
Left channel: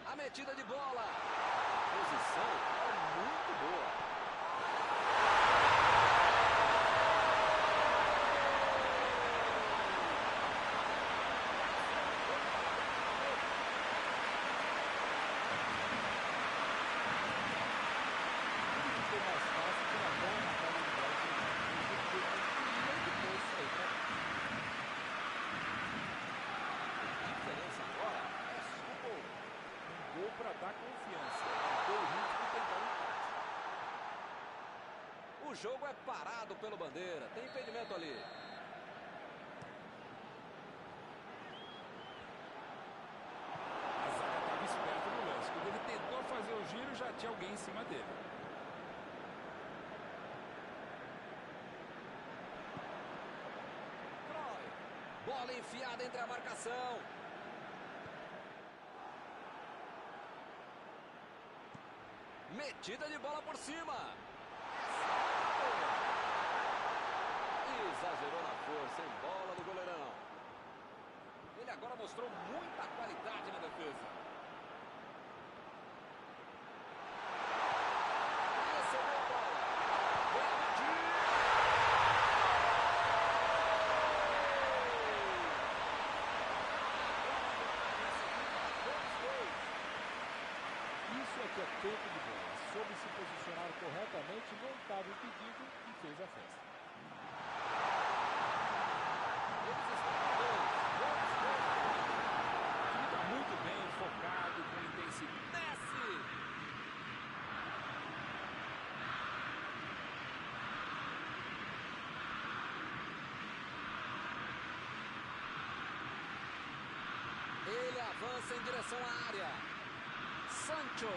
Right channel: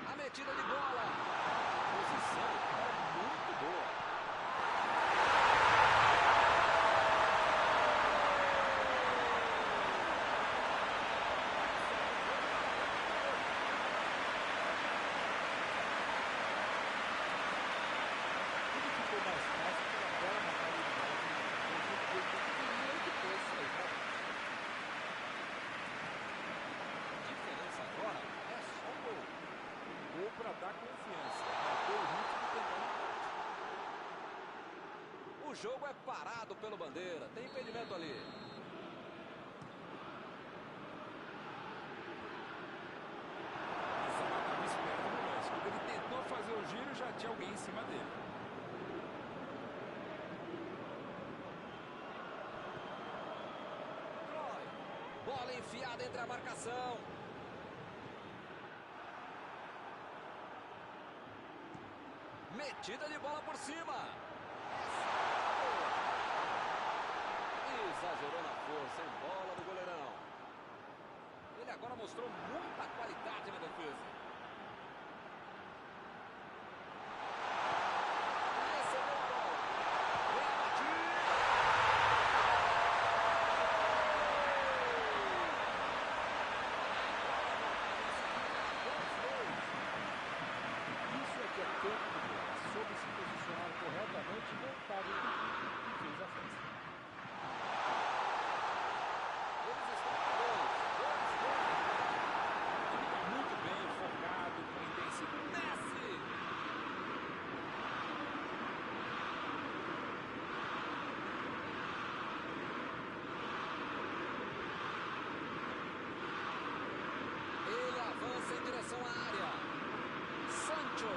A metida de bola. A posição é muito boa. Tudo ficou mais fácil pela bela marcada de bola que ele fez. Ele queria e depois sair para dentro. A diferença agora é só um gol. Um gol para dar confiança, manter o ritmo e tentar o empate. O jogo é parado pelo Bandeira. Tem impedimento ali. fazer o giro, já tinha alguém em cima dele. Cruyff. Bola enfiada entre a marcação. Metida de bola por cima. Essa é boa. Exagerou na força, em bola do goleirão. Ele agora mostrou muita qualidade na defesa. Recebeu a bola. Vem a batida. Agora a vantagem segunda para todos os dois. Isso é que é tempo de bola. Soube se posicionar corretamente, não estava impedido e fez a festa. Eles estão com dois gols na frente. O time está muito bem, focado, com intensidade. Messi! Ele avança em direção à área. Sancho.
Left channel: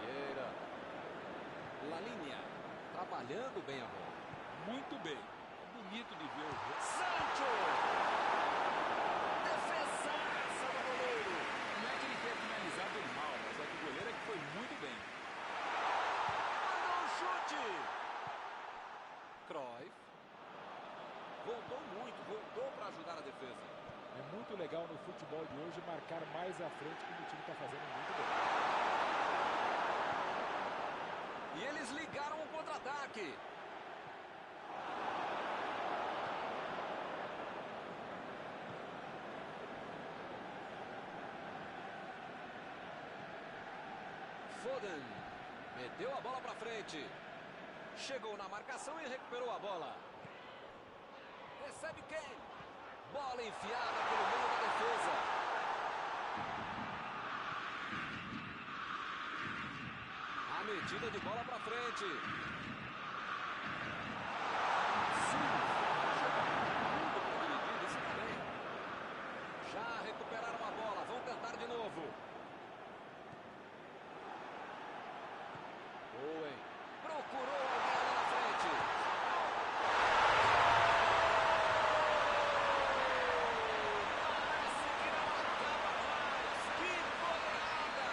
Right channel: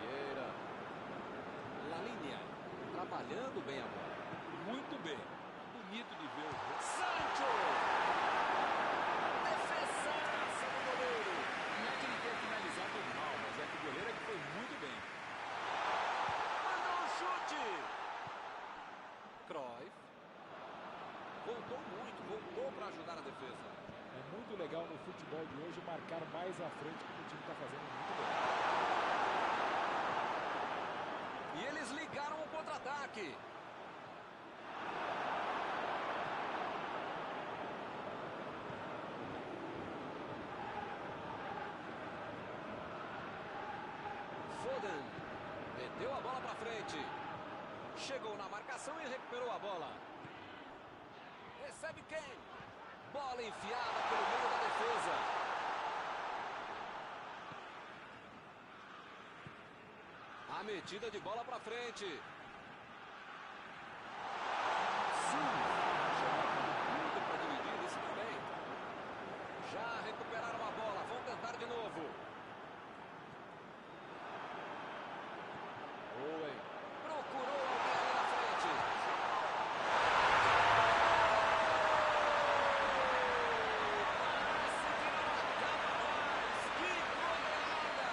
Vieira. Lalinha. Trabalhando bem a bola. Muito bem. É bonito de ver o jogo. Sancho! Defesaça do goleiro. Não é que ele tenha finalizado mal, mas é que o goleiro é que foi muito bem. Mandou um chute. Cruyff. Voltou muito, voltou para ajudar a defesa. É muito legal no futebol de hoje marcar mais à frente, como o time está fazendo muito bem. E eles ligaram o contra-ataque. Foden meteu a bola para frente. Chegou na marcação e recuperou a bola. Recebe Kane. Bola enfiada pelo meio da defesa. A metida de bola para frente. Sim, chega com tudo para dividir, isso também. Já recuperaram a bola, vão tentar de novo. Owen procurou alguém ali na frente. Parece que não acaba mais. Que goleada!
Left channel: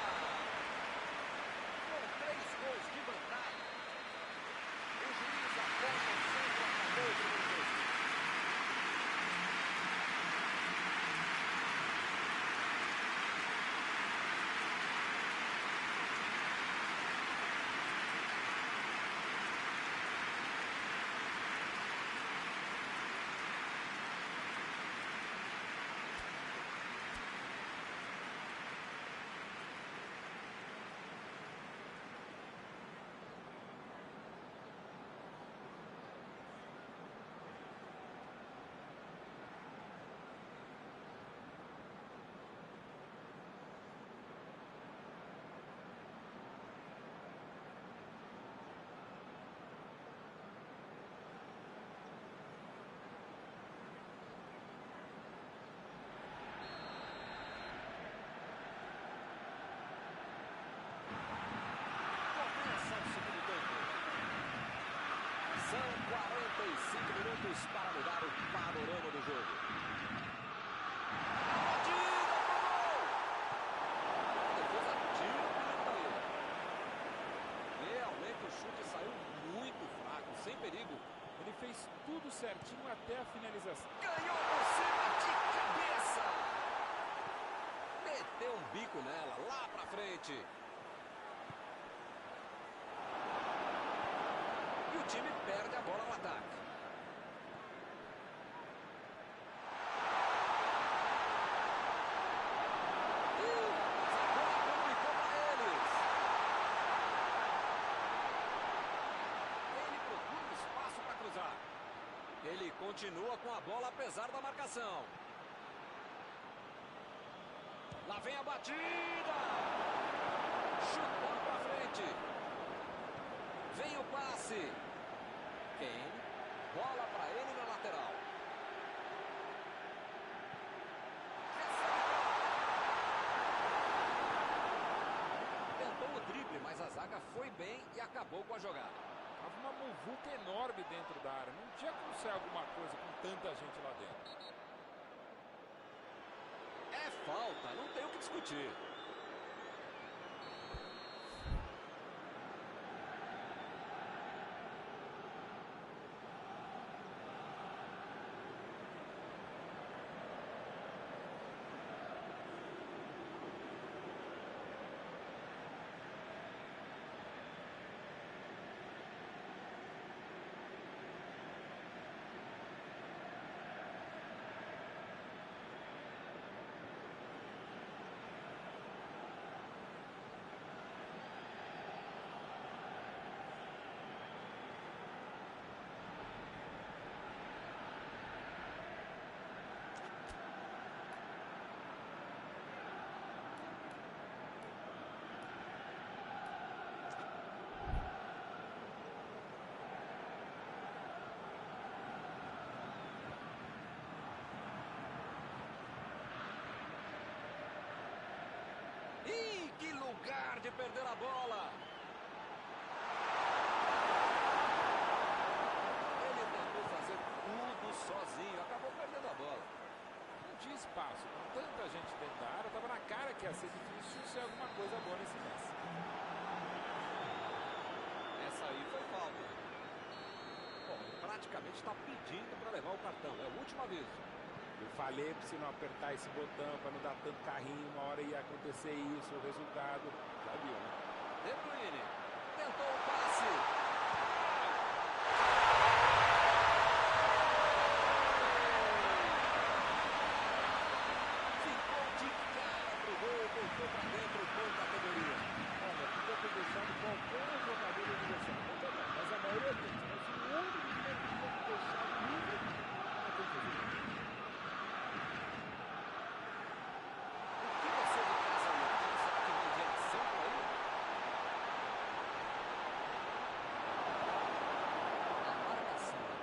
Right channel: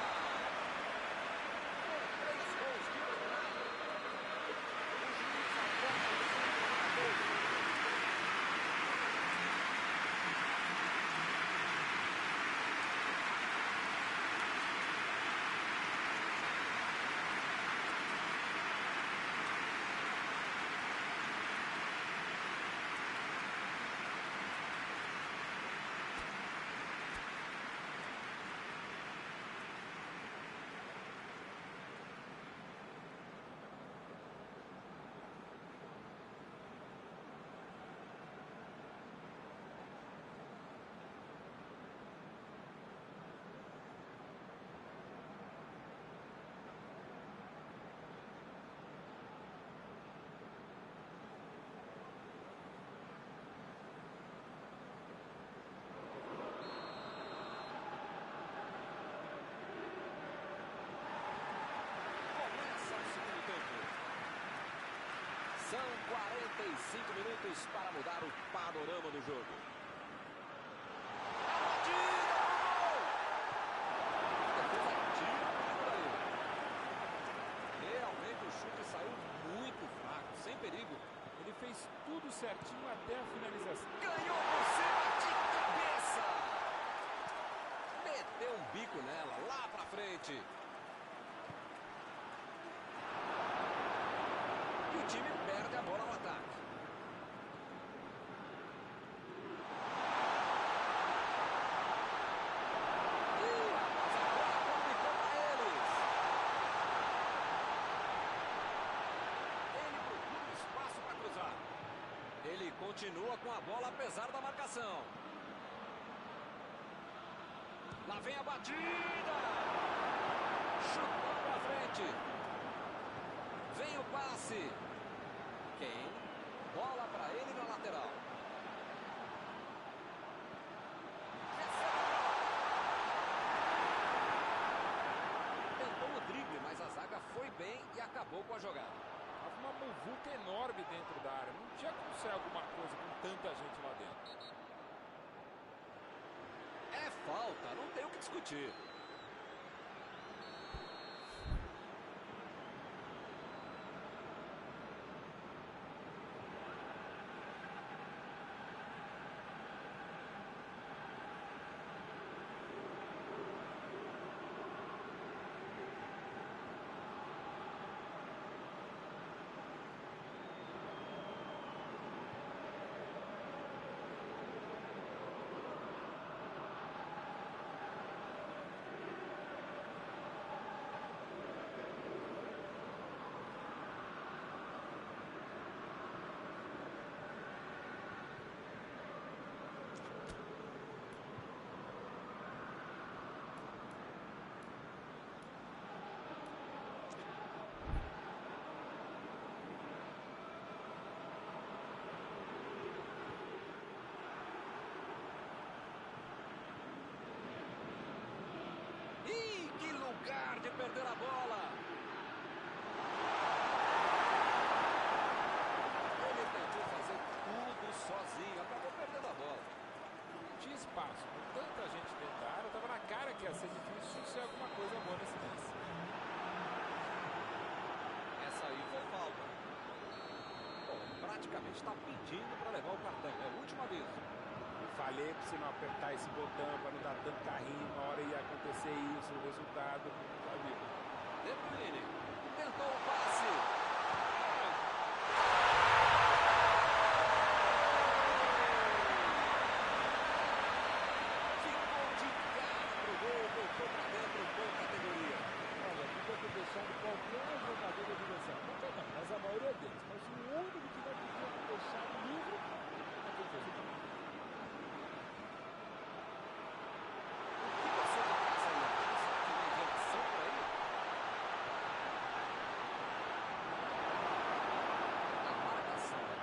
Com 3 gols de vantagem. O juiz aponta o centro, acabou de novo. São 45 minutos para mudar o panorama do jogo. A batida pro gol! A defesa tira o perigo daí. Realmente o chute saiu muito fraco, sem perigo. Ele fez tudo certinho até a finalização. Ganhou por cima de cabeça! Meteu um bico nela, lá pra frente. E o time perde a bola no ataque. Ih, rapaz, agora complicou para eles. Ele procura um espaço para cruzar. Ele continua com a bola apesar da marcação. Lá vem a batida. Chutão para frente. Vem o passe. Kane. Bola para ele na lateral. tentou o drible, mas a zaga foi bem e acabou com a jogada. Tava uma muvuca enorme dentro da área. Não tinha como ser alguma coisa com tanta gente lá dentro. É falta, não tem o que discutir. Ih, que lugar de perder a bola! Ele tentou fazer tudo sozinho, acabou perdendo a bola. Não tinha espaço. Com tanta gente dentro da área, tava na cara que ia ser difícil ser alguma coisa boa nesse lance. Essa aí foi falta. Bom, ele praticamente está pedindo para levar o cartão. É o último aviso. Eu falei pra você não apertar esse botão, pra não dar tanto carrinho, uma hora ia acontecer isso, o resultado, já viu, né? De Bruyne tentou o passe. Ficou de cara pro gol, voltou pra dentro com categoria. Olha, podia ter deixado qualquer jogador do adversário. Qualquer não, mas a maioria deles. Mas o único que não podia ter deixado livre é quem fez o gol.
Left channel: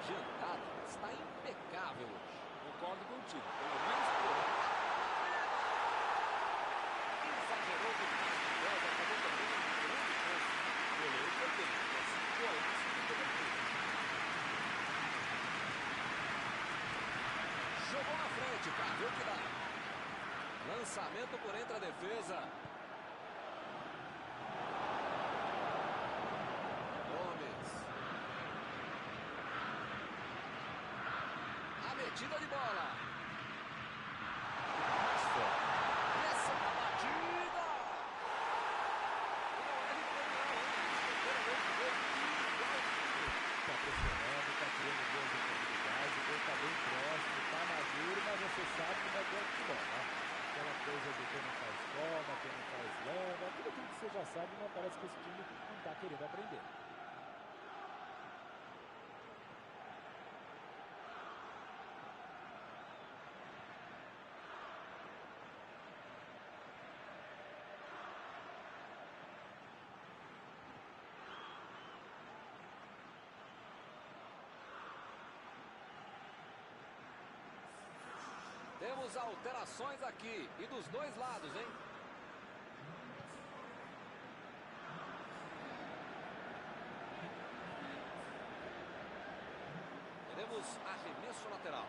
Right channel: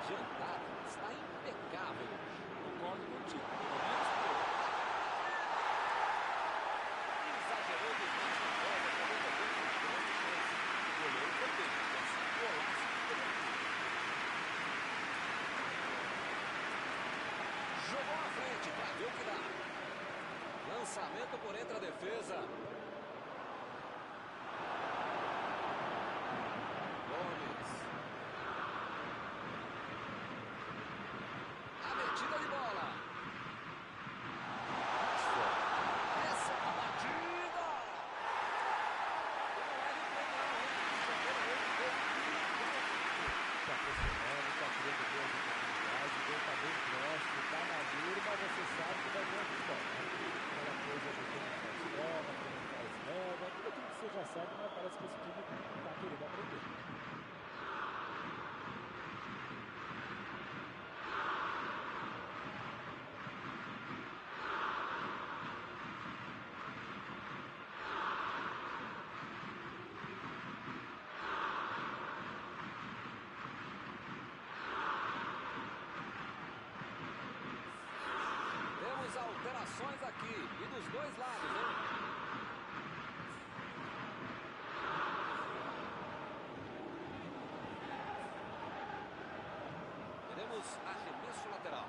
Adiantada está impecável hoje. Concordo contigo, pelo menos por hoje. Exagerou demais na bola, acabou perdendo uma grande chance. O goleiro foi bem, e assim golaço de cobertura. Jogou na frente para ver o que dá. Lançamento por entre a defesa. Metida de bola. Essa é a batida. E não é replay não, hein? Eles perderam outro gol igualzinho. Tá pressionando, tá criando boas oportunidades, o gol tá bem próximo, tá maduro, mas você sabe como é que é o futebol, né? Aquela coisa de quem não faz toma, quem não faz leva, tudo aquilo que você já sabe, mas parece que esse time não tá querendo aprender. Temos alterações aqui e dos dois lados, hein? Teremos arremesso lateral.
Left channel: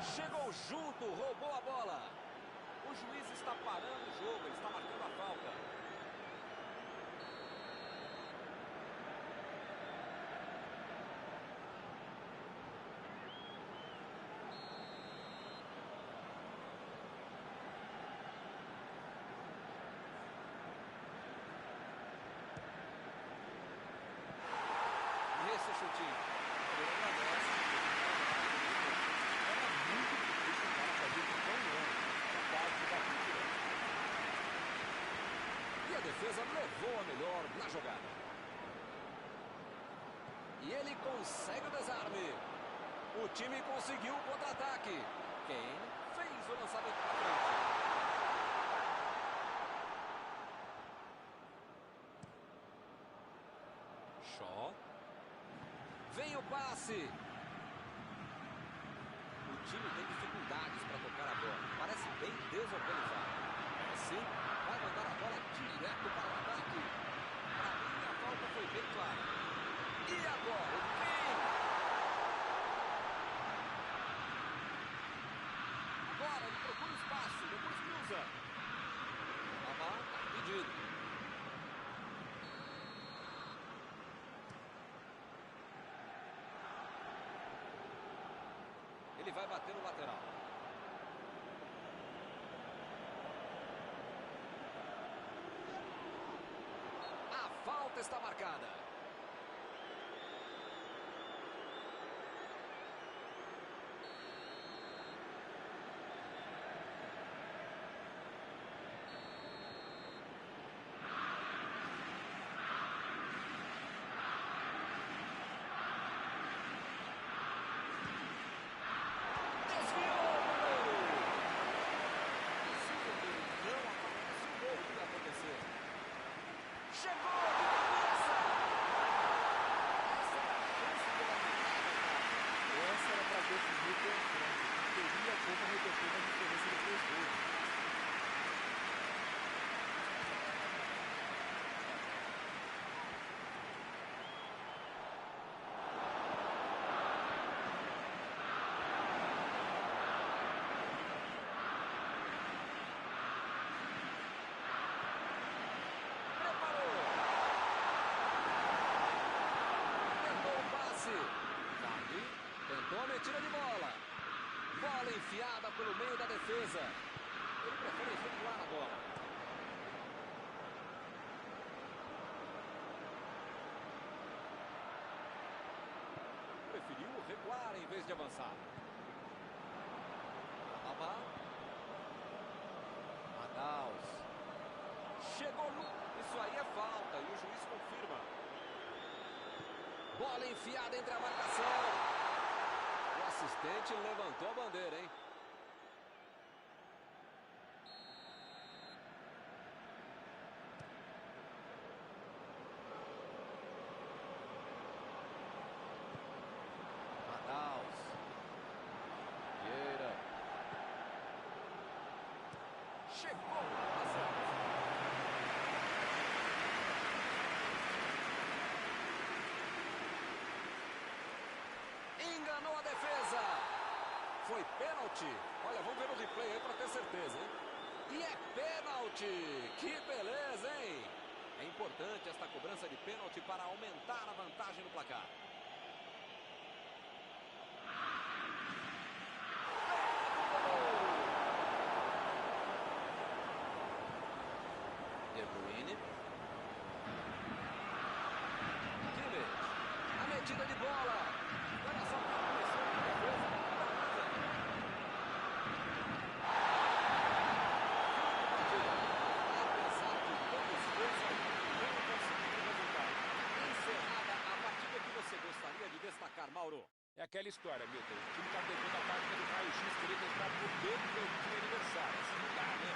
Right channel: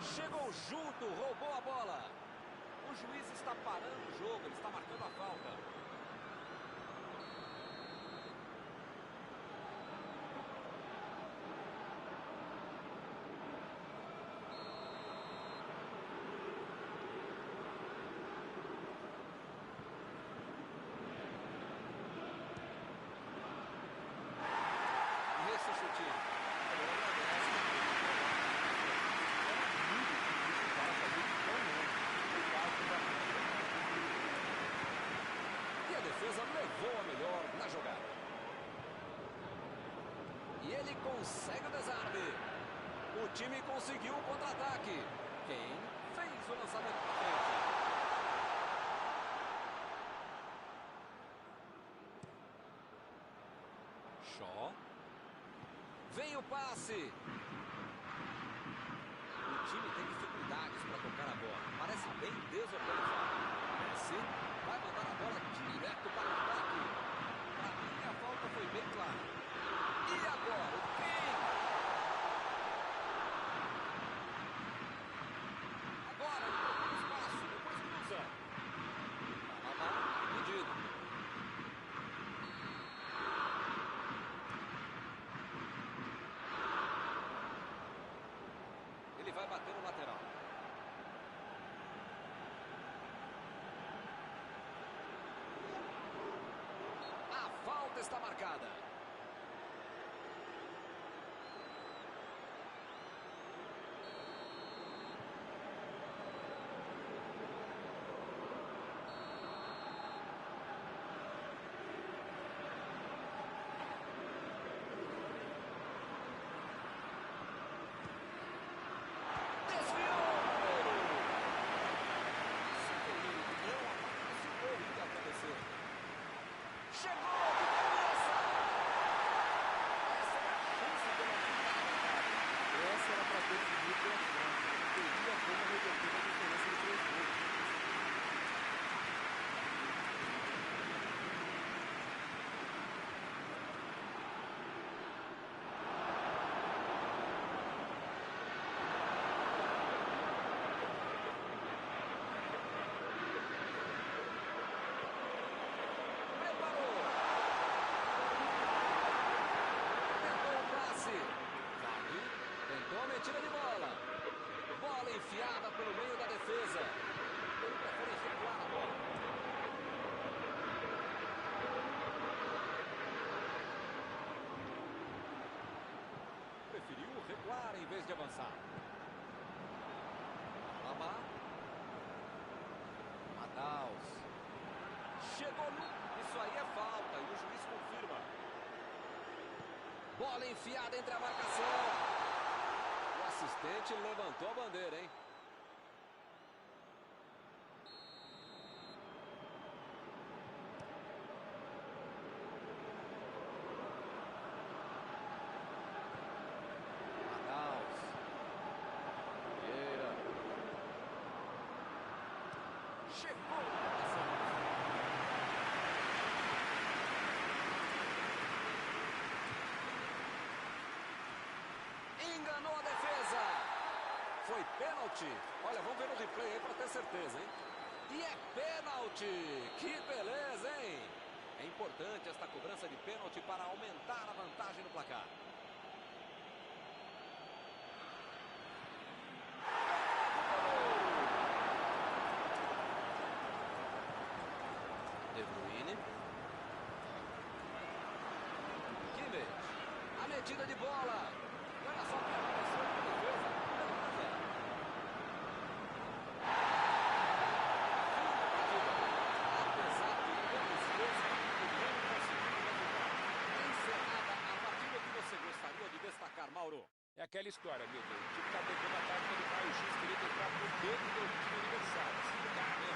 Chegou junto, roubou a bola. O juiz está parando o jogo, ele está marcando a falta. Esse chutinho. Ele agradece, era muito difícil o cara fazer isso tão longe. O caso da frente. E a defesa levou a melhor na jogada. E ele consegue o desarme. O time conseguiu o contra-ataque. Kane fez o lançamento para frente. Shaw. Vem o passe. O time tem dificuldades para tocar a bola. Parece bem desorganizado. Messi vai mandar a bola direto para o ataque. Para mim, a falta foi bem clara. E agora, o Kane. Agora ele procura espaço, depois cruza. Alaba está impedido. Ele vai bater no lateral. A falta está marcada. Desviou o goleiro. Se o goleiro não aparece, o gol ia acontecer. Chegou de cabeça. Essa era a chance de ele aumentar a vantagem. Essa era para definir o confronto. Teria como reverter a diferença de 3 gols. Preparou. Tentou o passe. Vardy tentou a metida de bola. Bola enfiada pelo meio da defesa. Ele prefere recuar a bola. Preferiu recuar em vez de avançar. Alaba. Madaus. Chegou no... Isso aí é falta e o juiz confirma. Bola enfiada entre a marcação. O assistente levantou a bandeira, hein? Madaus. Vieira. Chegou no coração. Enganou a defesa. Foi pênalti. Olha, vamos ver o replay aí para ter certeza, hein? E é pênalti. Que beleza, hein? É importante esta cobrança de pênalti para aumentar a vantagem no placar. Pega o goleiro. De Bruyne. Kimmich. A metida de bola. Olha só que apareceu na defesa. Beleza. Fim de partida. Apesar de todo o esforço, a equipe não conseguiu o resultado. Encerrada a partida, que você gostaria de destacar, Mauro? É aquela história, Milton. O time está pegando a tática do raio-x, querendo entrar por dentro do time adversário. Assim não dá, né?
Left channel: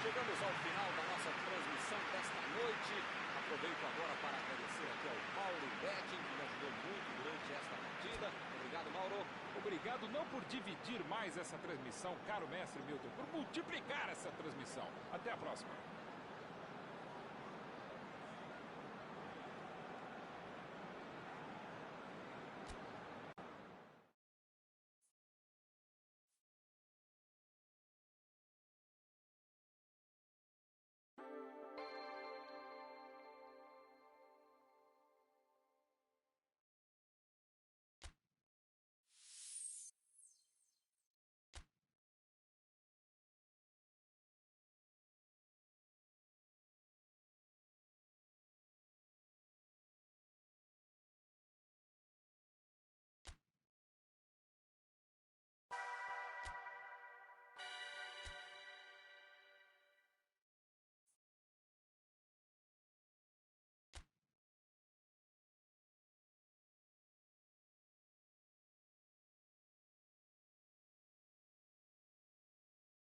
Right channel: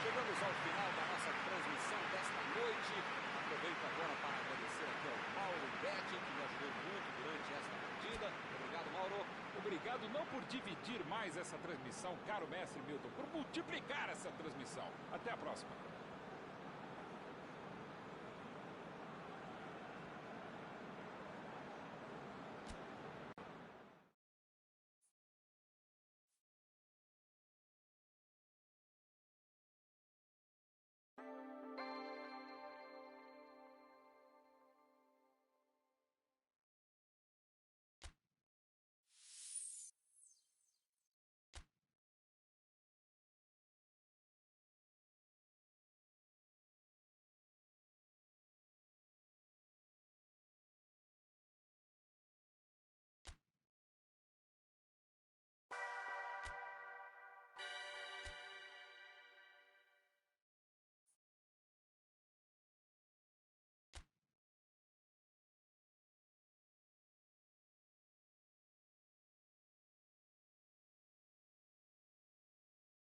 Chegamos ao final da nossa transmissão desta noite. Aproveito agora para agradecer aqui ao Mauro Betting, que me ajudou muito durante esta partida. Obrigado, Mauro. Obrigado não por dividir mais essa transmissão, caro mestre Milton, por multiplicar essa transmissão. Até a próxima.